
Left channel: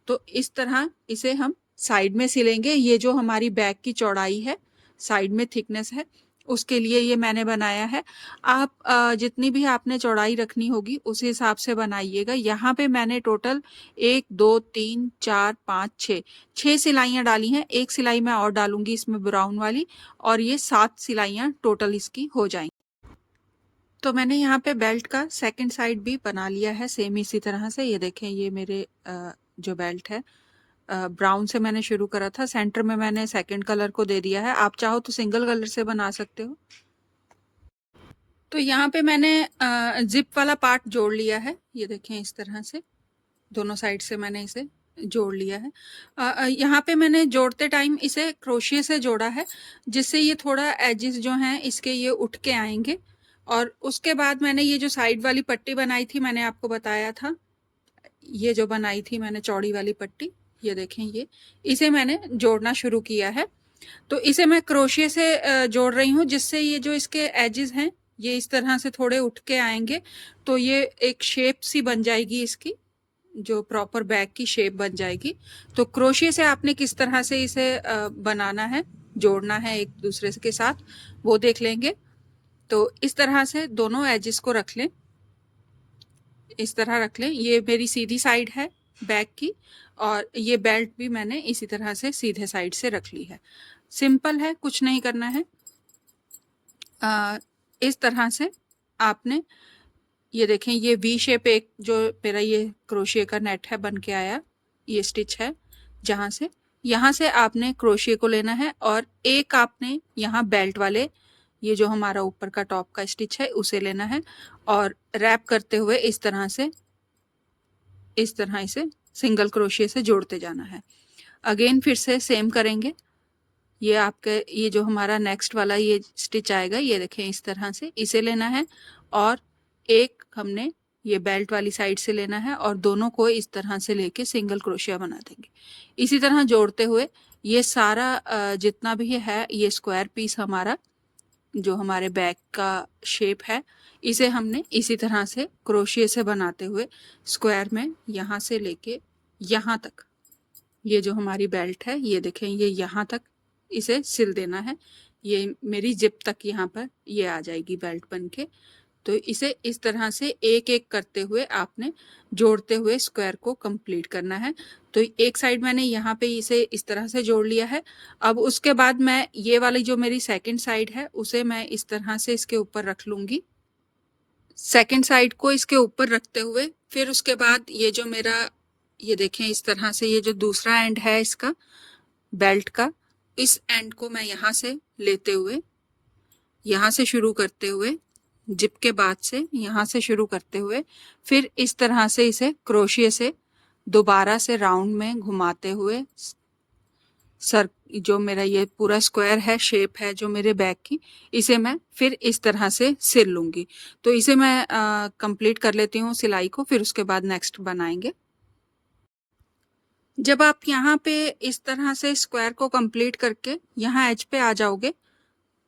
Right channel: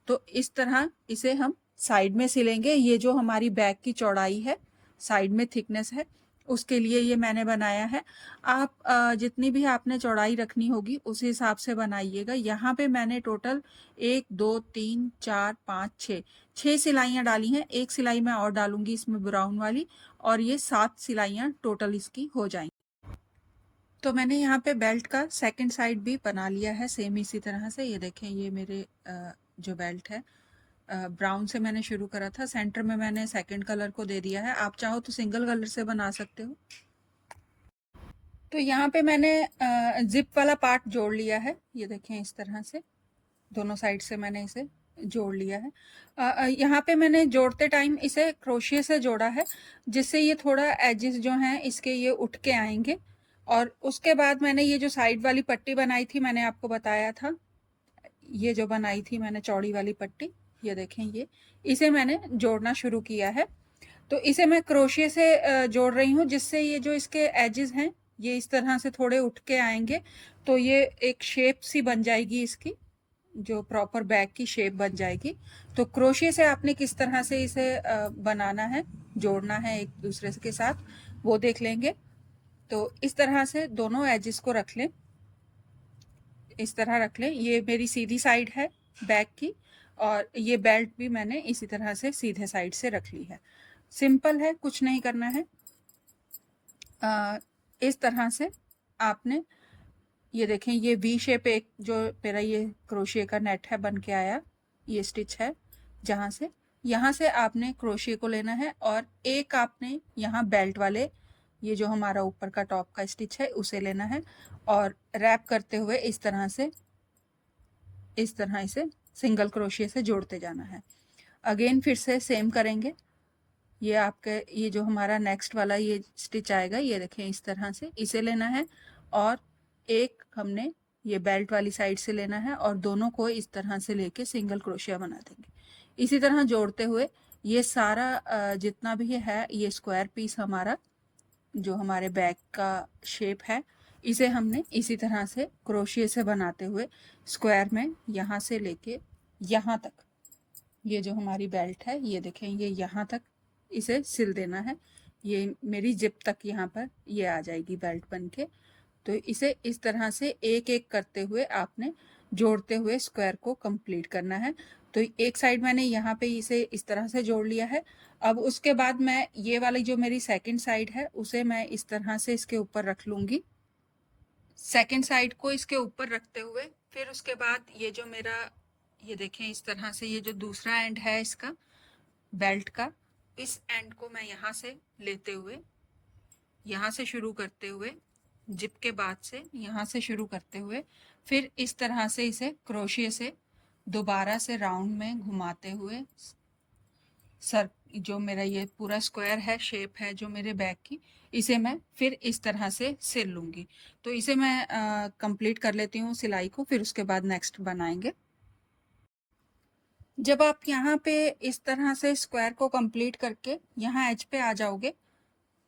तो इस तरह इसे हम साइड में सिलेंगे। ये जो हमारी बैक की चौड़ाई है, साइड में थिकनेस है, उसके लिए ये मैंने बनाया है। आप जितनी भी आपने चौड़ाई रखनी होगी उस हिसाब से बनाइएगा। यहाँ पे मैंने टोटल 1 2 3 4 5 6 सिलाइयाँ डाली हैं। एक सिलाई मैं और डालूंगी इसमें ब्राउन वाली, और ये 7 सिलाइयाँ टोटल इसकी हो जाएंगी। तो मैंने यहाँ पे बेल्ट का सेकंड साइड भी बना लिया है सेम इसी तरह से। ये देखें, ये मेरे जो बेल्ट है ब्राउन से मैंने शुरू करा था, सेंटर में मैंने सेकंड कलर को दे दिया है। आप चाहो तो सिंगल कलर से बना सकते हो। तो यहाँ पे मैंने जिप वाला पार्ट जोड़ लिया है, ये देखें इस तरह से दोनों साइड से मैंने इसे जोड़ लिया है। यहाँ पे मैंने जोड़ते टाइम इसे क्रोशिया से जोड़ा है, जिससे ये थोड़ा एजेस जो हैं इसके ये उठ के आएंगे। और उसके बाद मैंने ये जो साइड वाली पट्टी बनाई थी, मैंने आपको बताया था, ये जो बनाई थी मैंने चौड़ी वाली पट्टी, ये देखें, ये इसे मैंने जोड़ना शुरू किया है। तो इसे मैं क्रोशिया से जोड़ रही हूँ, जिससे ये जो इसके एजेस हैं ये इस तरह से थोड़े उठ के आएंगे, तो ये एक शेप सी बन जाएगी इसकी, जो प्रॉपर बैग की शेप बन जाएगी। तो क्रोशिया से आपने किस तरह से इसे बनाना है, जोड़ना है एक दूसरे के साथ, वो देख लेंगे। तो इस तरह से दोनों एजेस को रख लें, इस तरह रख लें। ये मेरी सीधी साइड है बैग की, और ये बेल्ट भी मैंने इसी तरह से सीधे साइड से रख ली है। सिंपल है, कुछ नहीं करना है। इस तरह से आपने, ये देखें, ये वी शेप एक जो मेरा ये क्रोशिया का नेट है बन के आया, ये स्टिच है जहाँ से, यहाँ से आपने क्रोशिया को लेना है और एक आपने यहाँ बेल्ट वाले, ये जो हमारा ऊपर का टॉप का स्टिच है उसे लेना है और रैप करते हुए इस तरह से, इस तरह इसे सिंगल क्रोशिया से जोड़ते जाना है। अगेन फिर से सेम करेंगे। ये आपके, ये जो हमारा नेक्स्ट वाला ये स्टिच आएगा, ये देखें इस तरह से इसे लेना है और एक हमने ये बेल्ट वाली साइड से लेना है और दोनों को इस तरह से लेके सिंगल क्रोशिया बना देंगे। इसी तरह जोड़ते हुए ये सारा जितना भी है ये स्क्वायर पीस हमारा जो हमारे बैक का शेप है, इसे हमने इसी तरह से क्रोशिया से बनाते हुए स्क्वायर में यहाँ से लेके यहाँ तक, ये जो हमारी बेल्ट है ये देखें, ये यहाँ तक इसे सिल देना है। ये मेरी जिप तक यहाँ पर ये आ जाएगी बेल्ट बन के। तो इसे इस तरह से एक एक करते हुए आपने जोड़ते हुए स्क्वायर को कंप्लीट करना है। तो एक साइड मैंने यहाँ पे इसे इस तरह से जोड़ लिया है। अब उसके बाद मैं ये वाली जो मेरी सेकंड साइड है उसे मैं इस तरह से इसके ऊपर रख लूँगी। सेकंड साइड को इसके ऊपर रखते हुए फिर उसके बाद ये जो मेरा, ये देखें इस तरह से, ये जो दूसरा एंड है इसका बेल्ट का, इस एंड को मैं यहाँ से लेते हुए, यहाँ से शुरू करते हुए, जिप के बाद से यहाँ से शुरू करते हुए फिर इस तरह से इसे क्रोशिया से दोबारा से राउंड में घुमाते हुए सर, जो मेरा ये पूरा स्क्वायर है, शेप है जो मेरे बैग की, इसे मैं फिर इस तरह से सिल लूँगी। तो इसे मैं कंप्लीट कर लेती हूँ सिलाई को, फिर उसके बाद नेक्स्ट बनाएंगे। जब आप यहाँ पे इस तरह से स्क्वायर को कंप्लीट करके यहाँ एज पे आ जाओगे,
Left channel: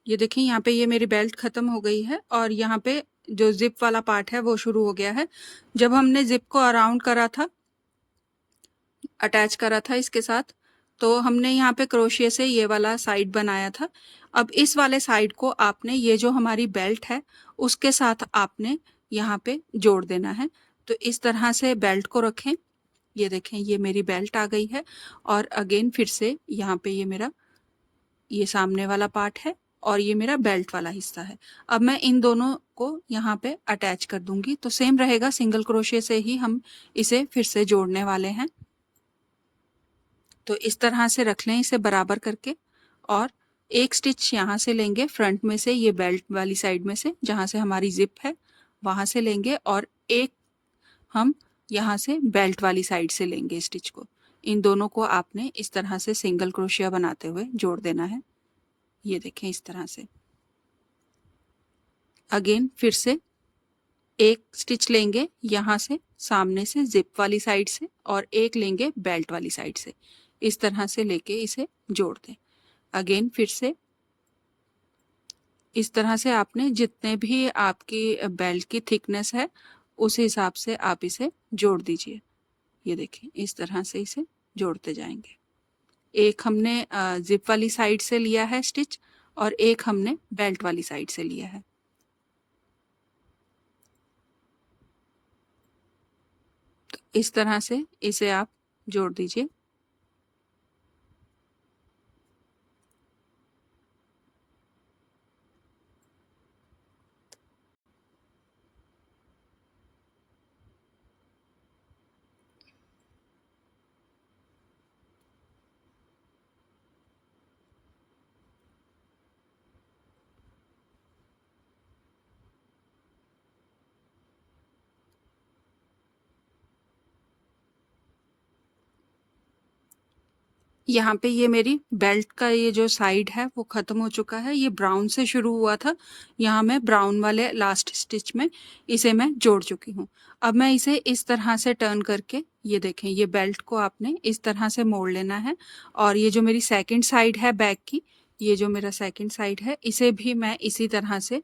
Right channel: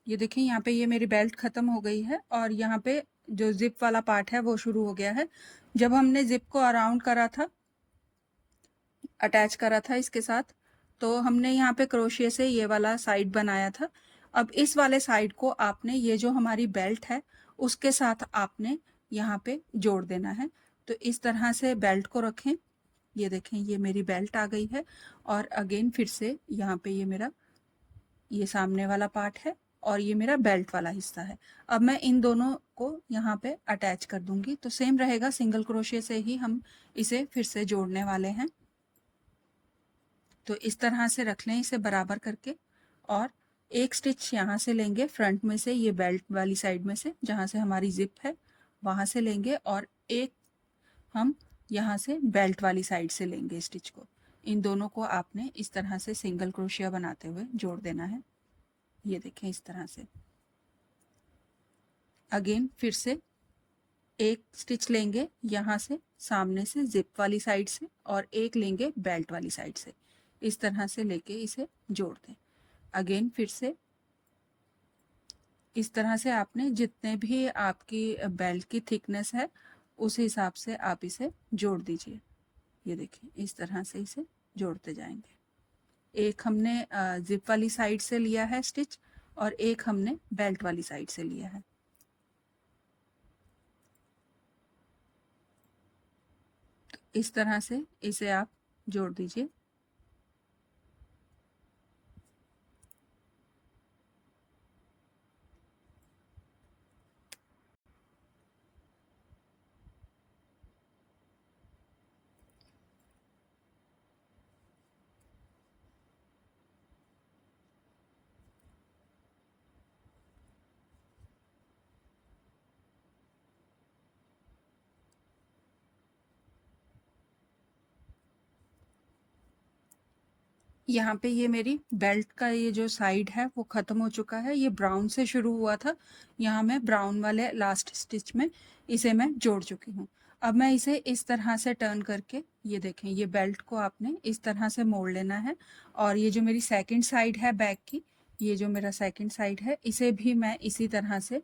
ये देखिए यहाँ पे ये मेरी बेल्ट ख़त्म हो गई है और यहाँ पे जो जिप वाला पार्ट है वो शुरू हो गया है। जब हमने जिप को अराउंड करा था, अटैच करा था इसके साथ, तो हमने यहाँ पे क्रोशिया से ये वाला साइड बनाया था। अब इस वाले साइड को आपने, ये जो हमारी बेल्ट है उसके साथ आपने यहाँ पे जोड़ देना है। तो इस तरह से बेल्ट को रखें, ये देखें ये मेरी बेल्ट आ गई है और अगेन फिर से यहाँ पे ये मेरा ये सामने वाला पार्ट है और ये मेरा बेल्ट वाला हिस्सा है। अब मैं इन दोनों को यहाँ पे अटैच कर दूंगी। तो सेम रहेगा, सिंगल क्रोशिया से ही हम इसे फिर से जोड़ने वाले हैं। तो इस तरह से रख लें इसे बराबर करके और एक स्टिच यहाँ से लेंगे फ्रंट में से, ये बेल्ट वाली साइड में से जहाँ से हमारी जिप है वहाँ से लेंगे और एक हम यहाँ से बेल्ट वाली साइड से लेंगे स्टिच को। इन दोनों को आपने इस तरह से सिंगल क्रोशिया बनाते हुए जोड़ देना है। ये देखें इस तरह से। अगेन फिर से एक स्टिच लेंगे यहाँ से सामने से जिप वाली साइड से और एक लेंगे बेल्ट वाली साइड से, इस तरह से लेके इसे जोड़ दें। अगेन फिर से इस तरह से आपने जितने भी आपकी बेल्ट की थिकनेस है उस हिसाब से आप इसे जोड़ दीजिए। ये देखें इस तरह से इसे जोड़ते जाएंगे। एक हमने जिप वाली साइड से लिया है स्टिच और एक हमने बेल्ट वाली साइड से लिया है। तो इस तरह से इसे आप जोड़ दीजिए। यहाँ पे ये मेरी बेल्ट का ये जो साइड है वो ख़त्म हो चुका है। ये ब्राउन से शुरू हुआ था, यहाँ मैं ब्राउन वाले लास्ट स्टिच में इसे मैं जोड़ चुकी हूँ। अब मैं इसे इस तरह से टर्न करके, ये देखें ये बेल्ट को आपने इस तरह से मोड़ लेना है और ये जो मेरी सेकंड साइड है बैक की, ये जो मेरा सेकंड साइड है इसे भी मैं इसी तरह से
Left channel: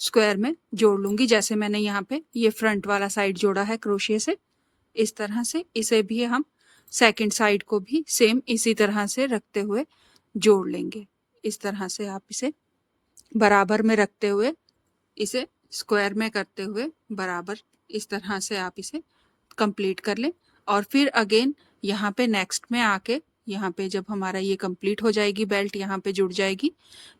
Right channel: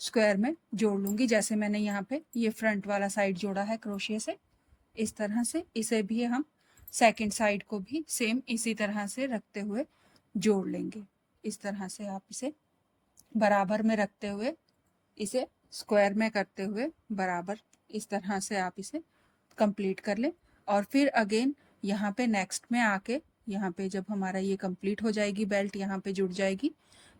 स्क्वायर में जोड़ लूँगी, जैसे मैंने यहाँ पे ये फ्रंट वाला साइड जोड़ा है क्रोशिया से। इस तरह से इसे भी हम सेकंड साइड को भी सेम इसी तरह से रखते हुए जोड़ लेंगे। इस तरह से आप इसे बराबर में रखते हुए इसे स्क्वायर में करते हुए बराबर इस तरह से आप इसे कंप्लीट कर लें। और फिर अगेन यहाँ पे नेक्स्ट में आके यहाँ पे जब हमारा ये कंप्लीट हो जाएगी, बेल्ट यहाँ पे जुड़ जाएगी,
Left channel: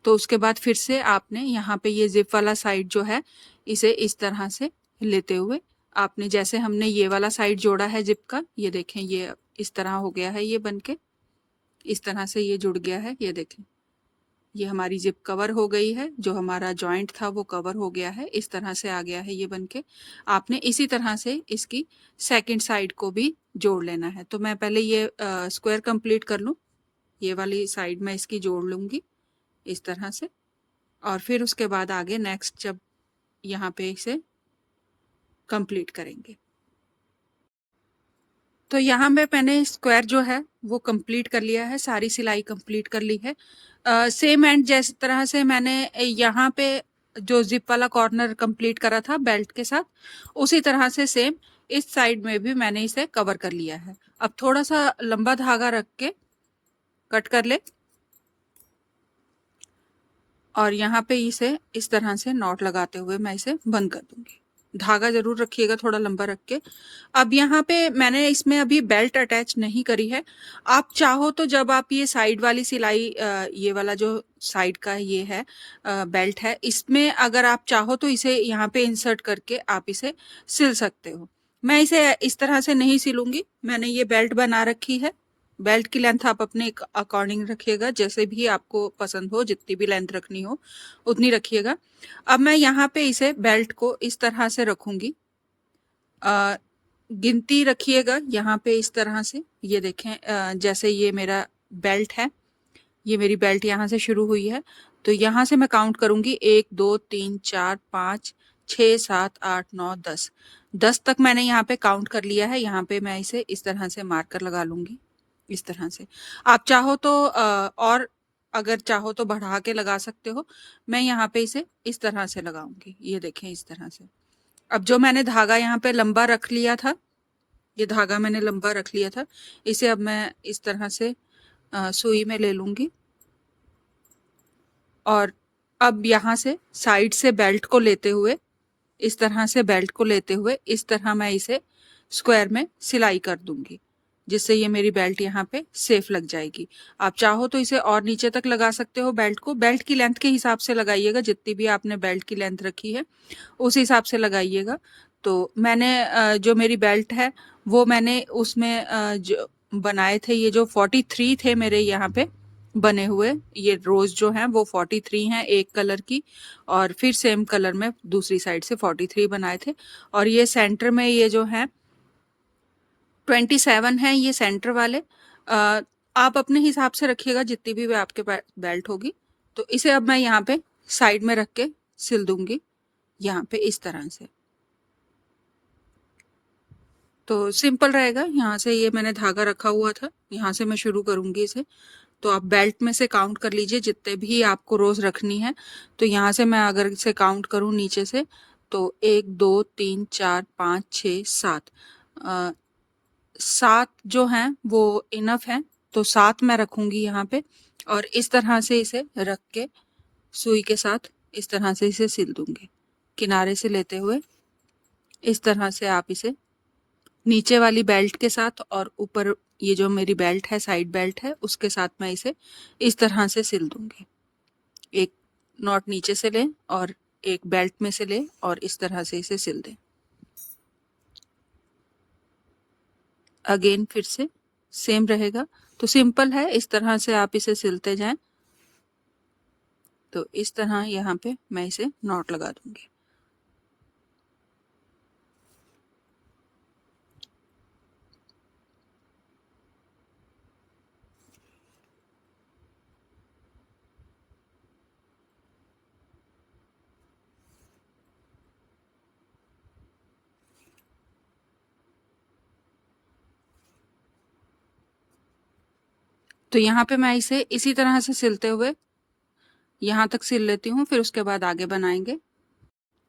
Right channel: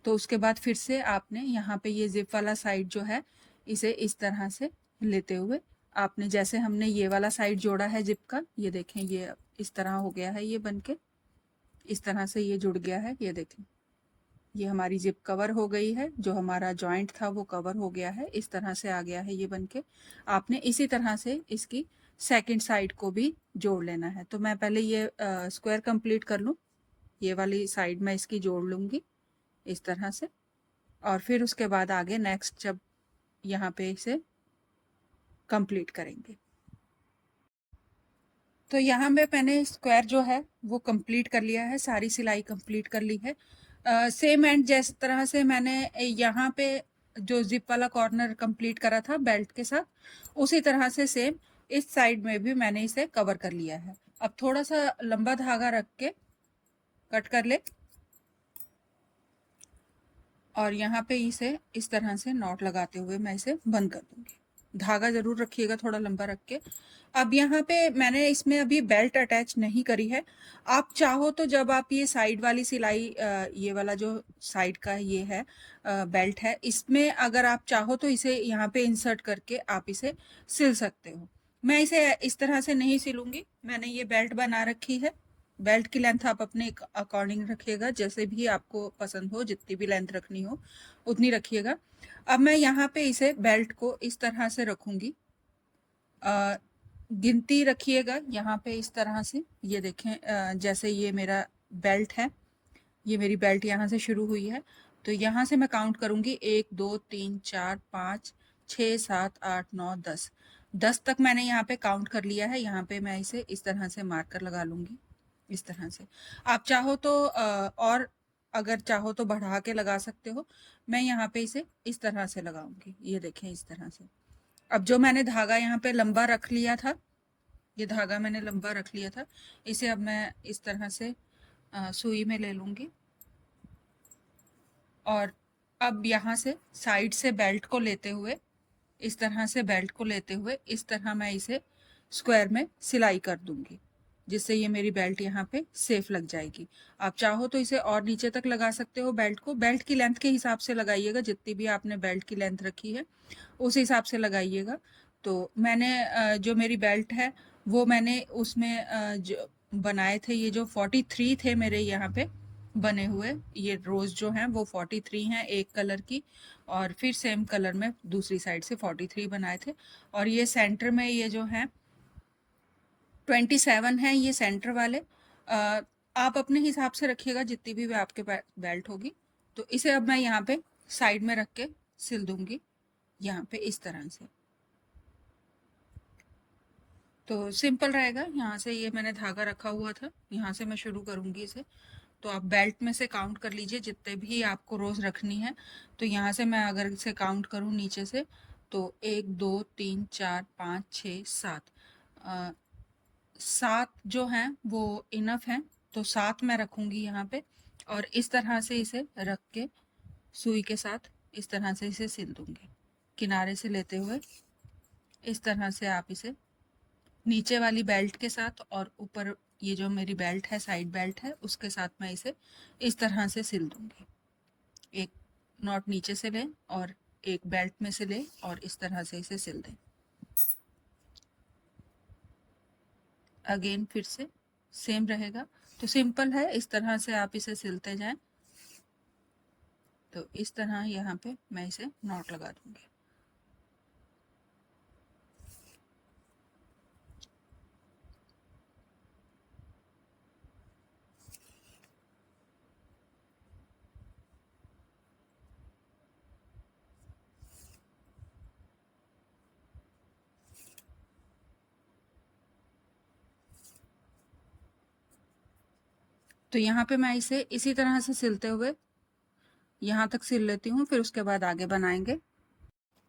तो उसके बाद फिर से आपने यहाँ पे ये जिप वाला साइड जो है इसे इस तरह से लेते हुए आपने जैसे हमने ये वाला साइड जोड़ा है जिप का, ये देखें ये इस तरह हो गया है, ये बनके इस तरह से ये जुड़ गया है। ये देखें ये हमारी जिप कवर हो गई है, जो हमारा जॉइंट था वो कवर हो गया है, इस तरह से आ गया है ये बनके। आपने इसी तरह से इसकी सेकंड साइड को भी जोड़ लेना है। तो मैं पहले ये स्क्वायर कंप्लीट कर लूँ, ये वाली साइड मैं इसकी जोड़ लूँगी इस तरह से, और फिर उसके बाद आगे नेक्स्ट जब यहाँ पे इसे कंप्लीट करेंगे। तो यहाँ पे मैंने स्क्वायर जो है वो कंप्लीट कर लिया है, सारी सिलाई कंप्लीट कर ली है। सेम एंड जिस तरह से मैंने यहाँ पे जो जिप वाला कॉर्नर कंप्लीट करा था बेल्ट के साथ, उसी तरह से सेम इस साइड में भी मैंने इसे कवर कर लिया है। अब थोड़ा सा लंबा धागा रख के कट कर ले और यहाँ पे इसे इस तरह से नॉट लगाते हुए मैं इसे बंद कर दूंगी। धागा जरूर रखिएगा थोड़ा लंबा रख के। अब यहाँ पे मैंने इसमें अभी बेल्ट अटैच नहीं करी है। आप चाहो तो जब आप ये साइड वाली सिलाई ये वाला जो साइड का ये है बेल्ट है, इसमें अगर आप चाहो तो इसे यहाँ पे इंसर्ट करके आप इसे सिल सकते हो। मैं इसे इस तरह से नहीं सिलूंगी, मैंने ये बेल्ट बना रखी है। बेल्ट की लेंथ आप अपने अकॉर्डिंग रखिएगा, जैसे भी आपको पसंद हो, जितनी भी लेंथ रखनी हो उतनी रखिएगा। अब मैं यहाँ पे इसे बेल्ट को इस तरह से रखूंगी, गिनती रखिएगा यहाँ पे इस तरह से। ये देखें जैसे ये मेरा बेल्ट है, ये मेरी बेल्ट यहाँ से शुरू हुई है, तो यहाँ से मैं काउंट करूंगी 1 2 3 4 5 6 7 8 9 10। 10 तक मैंने यहाँ पे काउंट कर लिया है। यहाँ पे मैं इसे इस तरह से मार्कर लगा लूंगी इस तरह से। आप चाहो तो और अगर चाहो तो बढ़ा के लगा सकते हो। मैं यहाँ पे इसे इस तरह से लगाऊंगी, ये देखें इस तरह से। अब जो मैंने धागा यहाँ पे लंबा रख लिया था, ये धागा मैंने लंबा रख लिया था, इसे अब मैं इस तरह से सुई में ले लूंगी और अब यहाँ से साइड से बेल्ट को लेते हुए इस तरह से बेल्ट को लेते हुए इस तरह मैं इसे स्क्वायर में सिलाई कर दूंगी, जिससे ये मेरी बेल्ट यहाँ पे सेफ लग जाएगी। आप चाहो तो इसे और नीचे तक लगा सकते हो बेल्ट को। बेल्ट की लेंथ के हिसाब से लगाइएगा, जितनी भी आपने बेल्ट की लेंथ रखी है उस हिसाब से लगाइएगा। तो मैंने जो मेरी बेल्ट है वो मैंने उसमें जो बनाए थे, ये जो 43 थे मेरे यहाँ पे बने हुए, ये रोज जो हैं वो 43 हैं एक कलर की, और फिर सेम कलर में दूसरी साइड से 43 बनाए थे। और ये सेंटर में ये जो है 27 है ये सेंटर वाले। आप अपने हिसाब से रखिएगा जितनी भी आपके बेल्ट होगी। तो इसे अब मैं यहाँ पे साइड में रख के सिल दूंगी यहाँ पे इस तरह से। तो सिंपल रहेगा। यहाँ से ये मैंने धागा रखा हुआ था, यहाँ से मैं शुरू करूंगी इसे। तो आप बेल्ट में से काउंट कर लीजिए जितने भी आपको रोज रखनी है। तो यहाँ से मैं अगर इसे काउंट करूँ नीचे से तो 1 2 3 4 5 6 7 7 जो हैं वो इनफ हैं। तो 7 मैं रखूंगी यहाँ पे और इस तरह से इसे रख के सुई के साथ इस तरह से इसे सिल दूंगी, किनारे से लेते हुए इस तरह से आप इसे नीचे वाली बेल्ट के साथ और ऊपर ये जो मेरी बेल्ट है साइड बेल्ट है उसके साथ मैं इसे इस तरह से सिल दूंगी। एक नॉट नीचे से लें और एक बेल्ट में से लें और इस तरह से इसे सिल दें। अगेन फिर से सेम रहेगा। तो सिंपल है, इस तरह से आप इसे सिलते जाएं। तो इस तरह यहाँ पे मैं इसे नॉट लगा दूंगी। तो यहाँ पे मैं इसे इसी तरह से सिलते हुए यहाँ तक सिल लेती हूँ, फिर उसके बाद आगे बनाएंगे।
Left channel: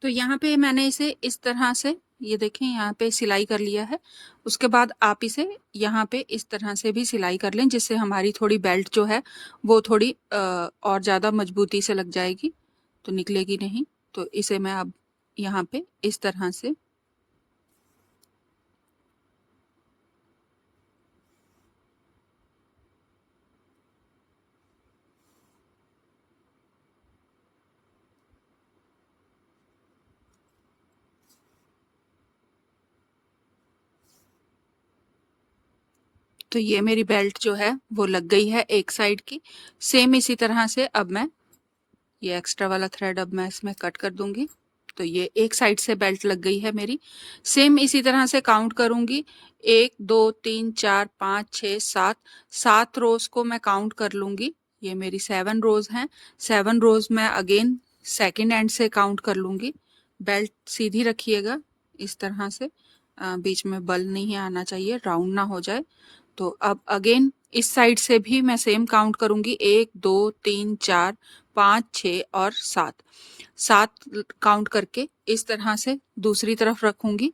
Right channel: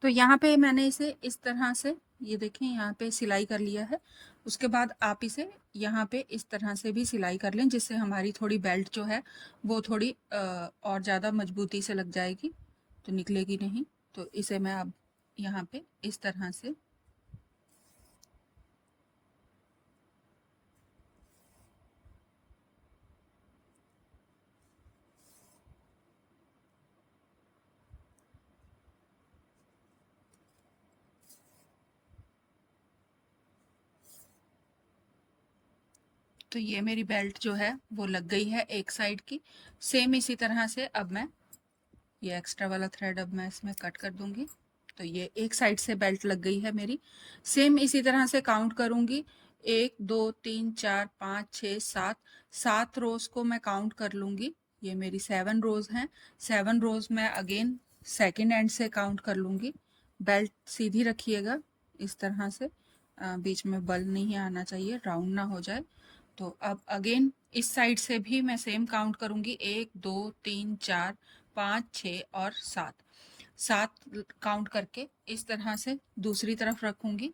तो यहाँ पे मैंने इसे इस तरह से ये देखें यहाँ पे सिलाई कर लिया है। उसके बाद आप इसे यहाँ पे इस तरह से भी सिलाई कर लें, जिससे हमारी थोड़ी बेल्ट जो है वो थोड़ी और ज़्यादा मजबूती से लग जाएगी, तो निकलेगी नहीं। तो इसे मैं अब यहाँ पे इस तरह से तो ये मेरी बेल्ट जो है वो लग गई है एक साइड की। सेम इसी तरह से अब मैं ये एक्स्ट्रा वाला थ्रेड अब मैं इसमें कट कर दूंगी। तो ये एक साइड से बेल्ट लग गई है मेरी। सेम इसी तरह से काउंट करूंगी, 1 2 3 4 5 6 7 7 रोज को मैं काउंट कर लूंगी। ये मेरी 7 रोज हैं। 7 रोज में अगेन सेकेंड एंड से काउंट कर लूंगी। बेल्ट सीधी रखिएगा इस तरह से, बीच में बल नहीं आना चाहिए, राउंड ना हो जाए। तो अब अगेन इस साइड से भी मैं सेम काउंट करूंगी, 1 2 3 4 5 6 और 7 7 काउंट करके इस तरह से दूसरी तरफ रखूंगी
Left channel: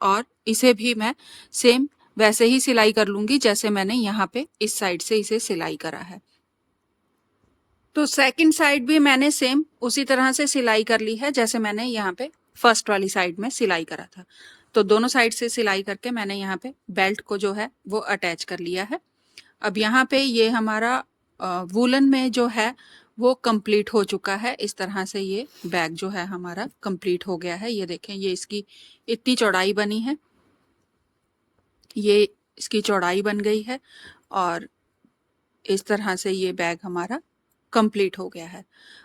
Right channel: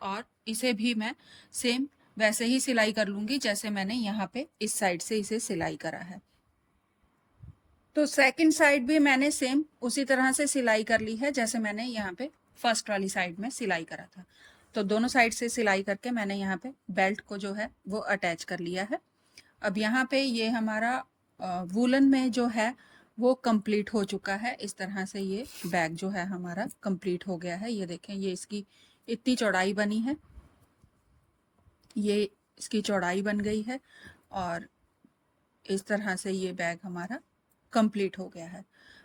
और इसे भी मैं सेम वैसे ही सिलाई कर लूंगी जैसे मैंने यहाँ पे इस साइड से इसे सिलाई करा है। तो सेकंड साइड भी मैंने सेम उसी तरह से सिलाई कर ली है जैसे मैंने यहाँ पे फर्स्ट वाली साइड में सिलाई करा था। तो दोनों साइड से सिलाई करके मैंने यहाँ पे बेल्ट को जो है वो अटैच कर लिया है। अब यहाँ पे ये हमारा वूलन में जो है वो कंप्लीट हो चुका है। इस तरह से ये बैग जो है हमारा कंप्लीट हो गया है। ये देखें, ये इसकी इतनी चौड़ाई बनी है, ये इसकी चौड़ाई बन गई है और इस तरह से ये बैग हमारा कंप्लीट हो गया है।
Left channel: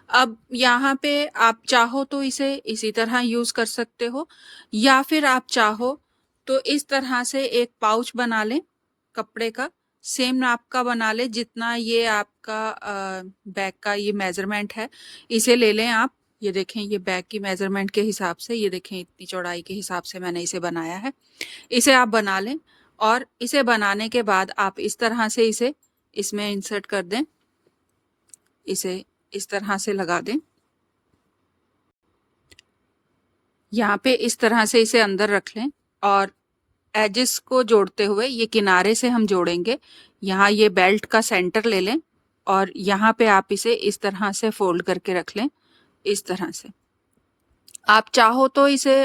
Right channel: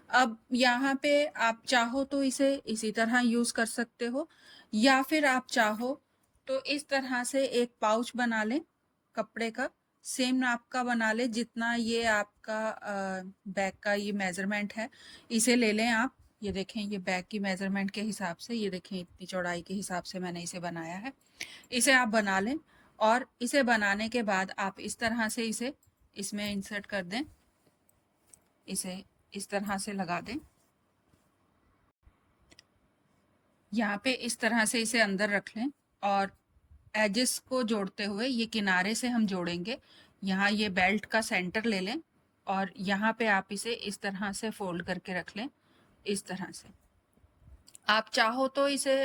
अब यहाँ पे आप चाहो तो इसे इसी तरह यूज कर सकते हो, या फिर आप चाहो तो इस तरह से एक पाउच बना लें कपड़े का, सेम नाप का बना ले जितना ये आपका बैग का ये मेजरमेंट है, इसे ले लें आप। ये देखें, ये बैग की मेजरमेंट के हिसाब से, ये देखें इतनी चौड़ाई के हिसाब से मैंने इसे बनाया है। इसे आप बना लें और इसे बनाने के बाद आप इस तरह से इसे इसमें इंसर्ट कर दें, इसे इस तरह से लगा दें। यहाँ पे इस तरह से इसे अंदर रख लें और एजेस को जोड़ते हुए ये किनारे से हम जोड़ेंगे। यहाँ ये बेल्ट का सेंटर ले लें और यहाँ पे आप इसे इस तरह से फोल्ड करके रख लें, इस तरह से। आप चाहो तो इसे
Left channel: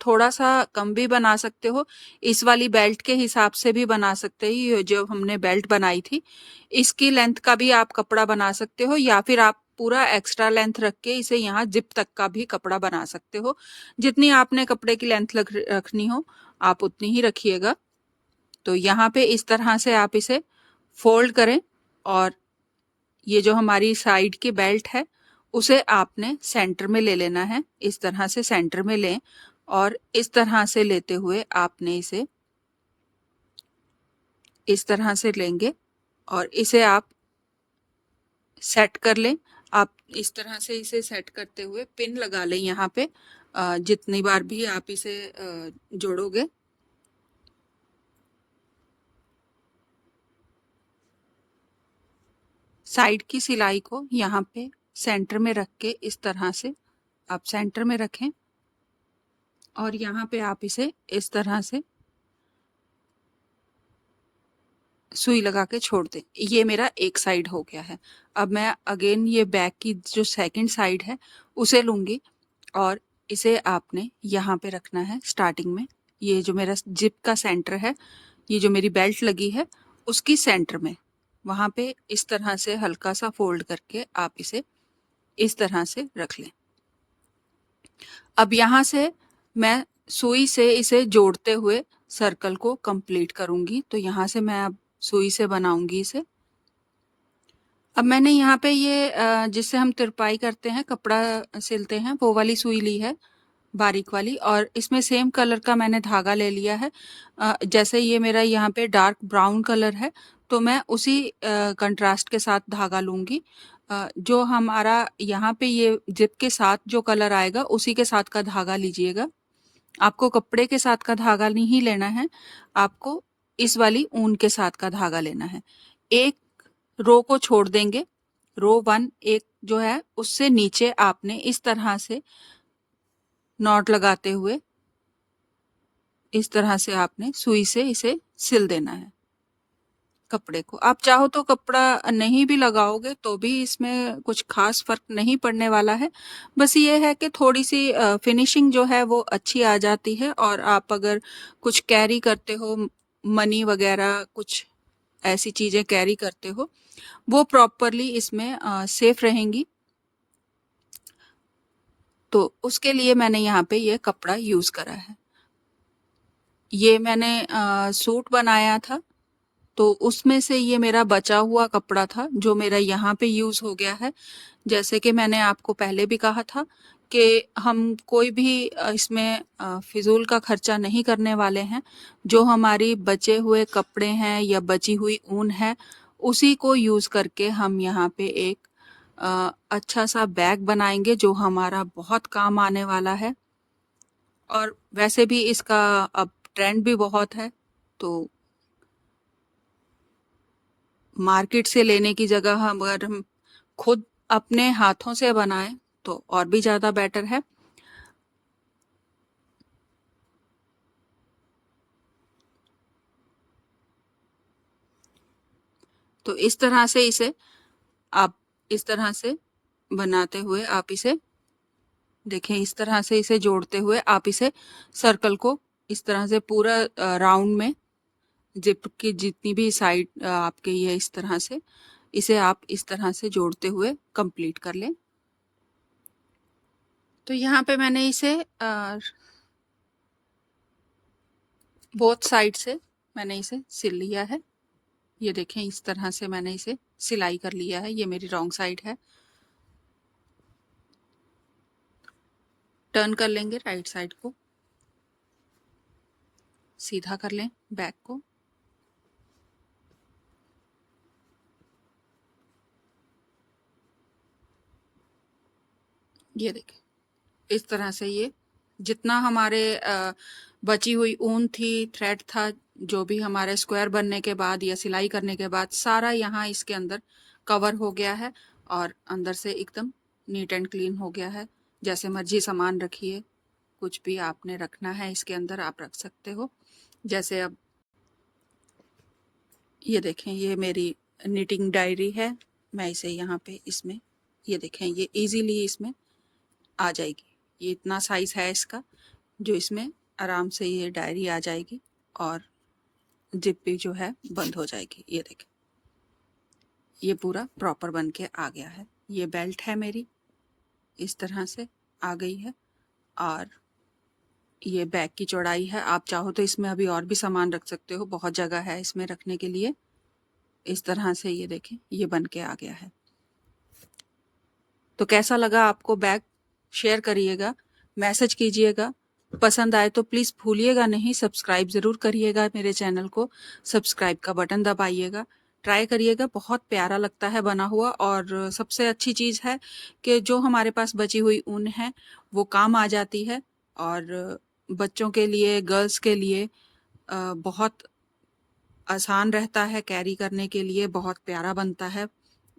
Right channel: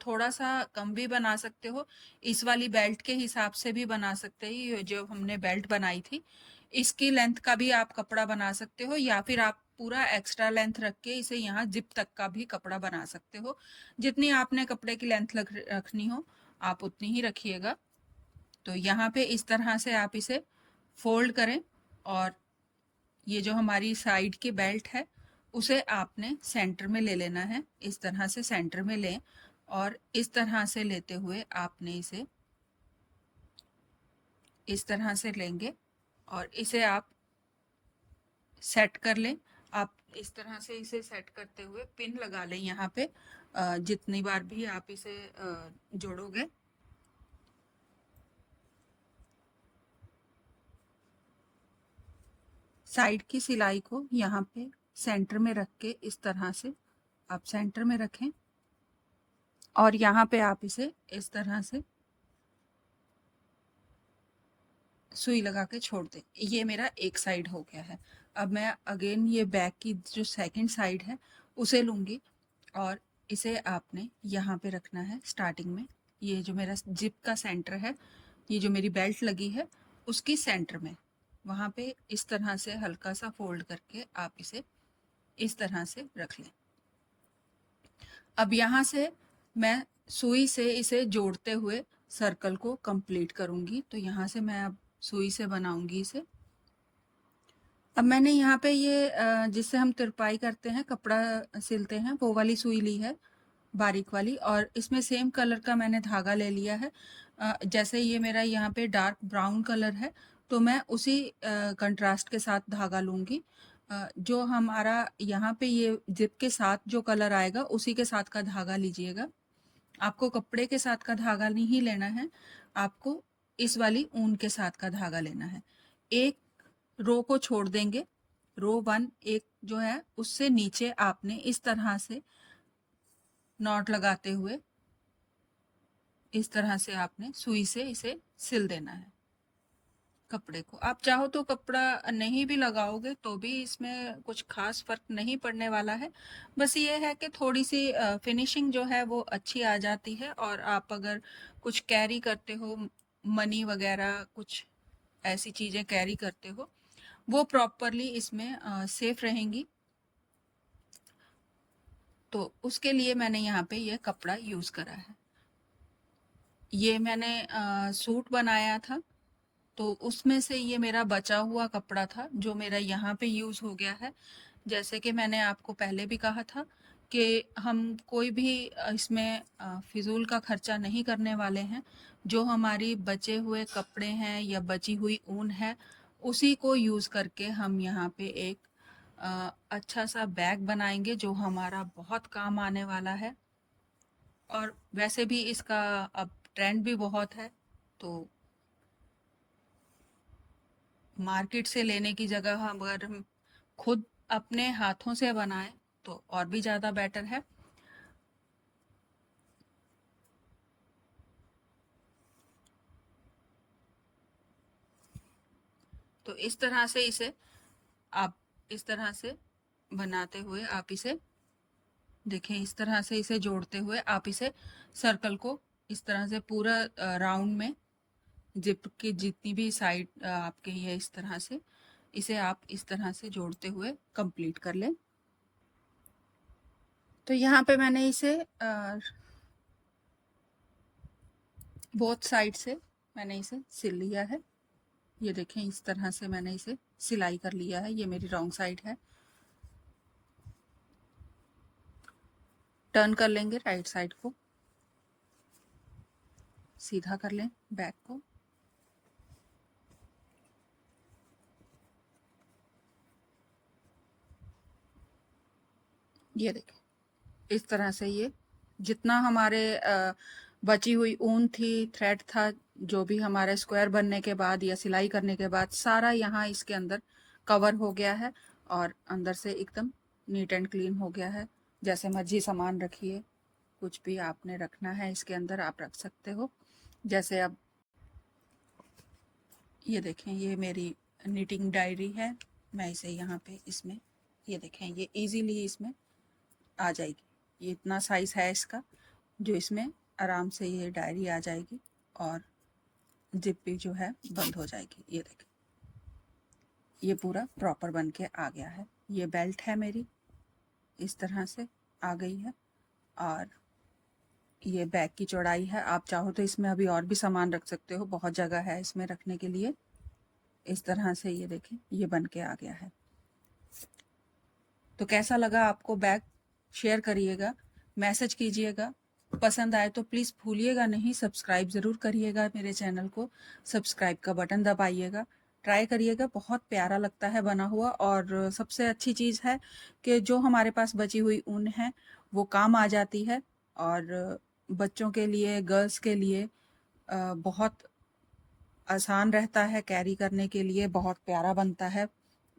थोड़ा सा कम भी बना सकते हो, इस वाली बेल्ट के हिसाब से भी बना सकते हो। ये जो हमने बेल्ट बनाई थी इसकी लेंथ का भी आप कपड़ा बना सकते हो, या फिर आप पूरा एक्स्ट्रा लेंथ रख के इसे यहाँ जिप तक का भी कपड़ा बना सकते हो। जितनी आपने कपड़े की लेंथ रखनी हो आप उतनी ही रखिएगा। तो यहाँ पे इस तरह से आप इसे फोल्ड करें और ये जो हमारी साइड की बेल्ट है उसे आपने सेंटर में ले लेना है। इस तरह से सेंटर में लें और इस तरह से लेते हुए आपने इसे इस तरह से लेंगे और इसे आप सेट कर लें। आप इस तरह से इसे सेट करते हुए पिन लगा लें यहाँ पे, जितनी बार भी आप इसे जोड़ोगे। साइड की सिलाई को यहाँ पे सेंटर में रख के इस तरह से आप सेंटर में रखें और यहाँ पे आप इसे इस तरह से सुई लगा के छोड़ दें। ये मेरा एक साइड हो गया है। अब मैं अगेन ये बैक की जो सेकंड साइड है उसे लूँगी और इसे आपने यहाँ पे रखना है स्टार्टिंग में। ये जो मेरा जिप का सेंटर है, ये जो मेरी बेल्ट लगी है उसकी सेंटर में, वहाँ पे इस तरह से हल्का सा फोल्ड करके आप इसे इस तरह से रख लें। अब यहाँ से मैं सुई से इसे जोड़ते हुए सर्कल को कंप्लीट करूँगी। तो यहाँ से मैं अब सुई से बनाऊंगी इसे। अब मैंने यहाँ पे ये जिससे हम तिरपाई करते हैं, कपड़ा सिलते हैं, वो वाली सुई ली है बारीक वाली, और इसमें सेम कलर का मैंने धागा ले लिया है। जैसे ये मेरा यहाँ पे डार्क ब्राउन कलर है तो मैं उसी कंट्रास्ट के साथ धागा लूँगी। जो हमारा यहाँ पे ये जिप के साथ जो कलर आएगा उसी के साथ का धागा लीजिएगा। आपको कपड़े के साथ का धागा नहीं लेना है, आपको इस वाली ऊन के साथ का धागा लेना है। एक रो को छोड़ देंगे, रो 1 एक जो है उससे नीचे आपने इस तरह से नॉट लगाते हुए इस तरह से आपने सुई से इसे सिल देना है कपड़े को। आप चाहो तो कपड़ा नहीं भी लगाओगे तो भी इसमें कुछ खास फर्क नहीं पड़ने वाला है। बस ये है कि थोड़ी सी फिनिशिंग जो है वो अच्छी आ जाती है, और आप अगर कुछ कैरी करते हो, मनी वगैरह कुछ ऐसी चीज़ें कैरी करते हो, वो प्रॉपरली इसमें सेफ रहेंगी। तो उसके लिए मैंने यहाँ पे ये कपड़ा यूज़ करा है। ये मैंने सूट बनाया था, तो उसमें से ये मेरा बचा हुआ कपड़ा था जो मेरा यहाँ पे यूज़ हो गया है। जैसे कि मैंने आपको पहले भी कहा था कि हम कोई भी इसमें फिजूल का खर्चा नहीं करने वाले हैं। जो हमारी बचे हुए कपड़े हैं या बची हुई ऊन है, उसी को यूज़ करके हम यहाँ पे एक अच्छा सा बैग बनाएंगे जो हमारा बहुत काम आने वाला है। और वैसे भी इसका अब ट्रेंड भी बहुत है, तो मार्केट से लेने की जगह अगर हम खुद अपने हाथों से बनाएं तो और भी ज़्यादा बेटर है। तो इस तरह से इसे आप इस तरह से बनाते हुए आप इसे देखें, इस तरह से इसे जोड़ते हुए आप इसे सर्कल को इस तरह से पूरा राउंड में जिप की जितनी भी साइड आपके ये इस तरह से इसे आप इस तरह से जोड़ते हुए कंप्लीट कर लें। तो यहाँ पे मैंने इसे बोथ साइड से मैंने इसे सिल लिया है। ये देखें, इस तरह से मैंने इसे सिलाई कर लिया है। ये मेरी रॉन्ग साइड है। टर्न कर लेंगे राइट साइड को, सीधा कर लें बैक को। ये देखें, इस तरह से ये जितना हमारे बची हुई ऊन थी, थ्रेड था, जो भी हमारे स्क्वायर बनने के बाद या सिलाई करने के बाद सारा यहाँ इसके अंदर कवर हो गया है और अंदर से एकदम नीट एंड क्लीन हो गया है। जैसे मर्जी सामान रखिए, कुछ भी आपने रखना है इसके अंदर आप रख सकते हो। जैसे अब ये देखें, ये मेरी निटिंग डायरी है। मैं इसे यहाँ पे इसमें ये देखें, ये इजीली इसमें आ जाएगी। ये इतना साइज़ है इसका जो इसमें आराम से ये डायरी आ जाएगी और जिप भी जो है बंद हो जाएगी। ये देखें, ये पूरा प्रॉपर बन के आ गया है। ये बेल्ट है मेरी, इस तरह से आ गई है और ये बैग की चौड़ाई है। आप चाहो तो इसमें अभी और भी सामान रख सकते हो, बहुत जगह है इसमें रखने के लिए। इस तरह से ये देखें, ये बन के आ गया है। तो कैसा लगा आपको बैग? शेयर करिएगा, मैसेज कीजिएगा। पसंद आए तो प्लीज़ भूलिएगा नहीं, सब्सक्राइब ज़रूर करिएगा मेरे चैनल को। सब्सक्राइब का बटन दबाइएगा, ट्राई करिएगा, बहुत प्यारा लगता है बना हुआ। और सबसे अच्छी चीज़ है कि जो हमारे पास बची हुई ऊन है वो काम आ जाती है, और बच्चों के लिए, गर्ल्स के लिए बहुत आसान रहता है कैरी करने के लिए, बहुत प्यारा बनता है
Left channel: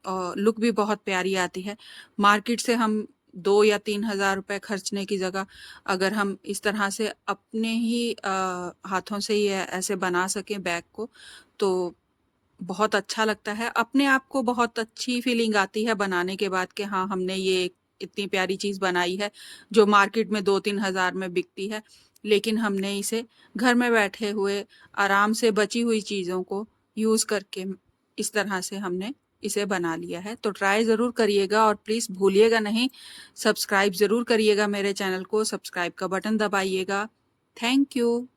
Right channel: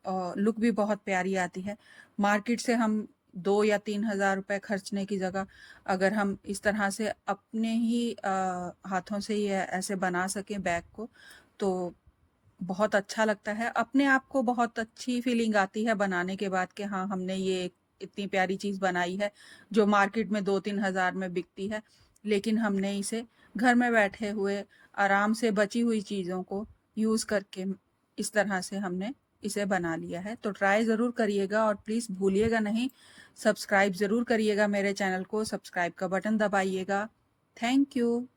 और लुक भी बहुत प्यारी आती है। मार्केट से हम 2 या 3 हज़ार रुपये खर्चने की जगह अगर हम इस तरह से अपने ही हाथों से ये ऐसे बना सकें बैग को, तो बहुत अच्छा लगता है। अपने आप को बहुत अच्छी फीलिंग आती है बनाने के बाद कि हाँ, हमने ये इतनी प्यारी चीज़ बनाई है जो मार्केट में 2-3 हज़ार में बिकती है, लेकिन हमने इसे घर में बैठे हुए आराम से बची हुई चीज़ों को यूज़ करके इस तरह से हमने इसे बना लिया है। तो ट्राई ज़रूर करिएगा और प्लीज़ भूलिएगा नहीं, सब्सक्राइब ज़रूर करिएगा मेरे चैनल को, सब्सक्राइब का बटन दबाइएगा। Thank you.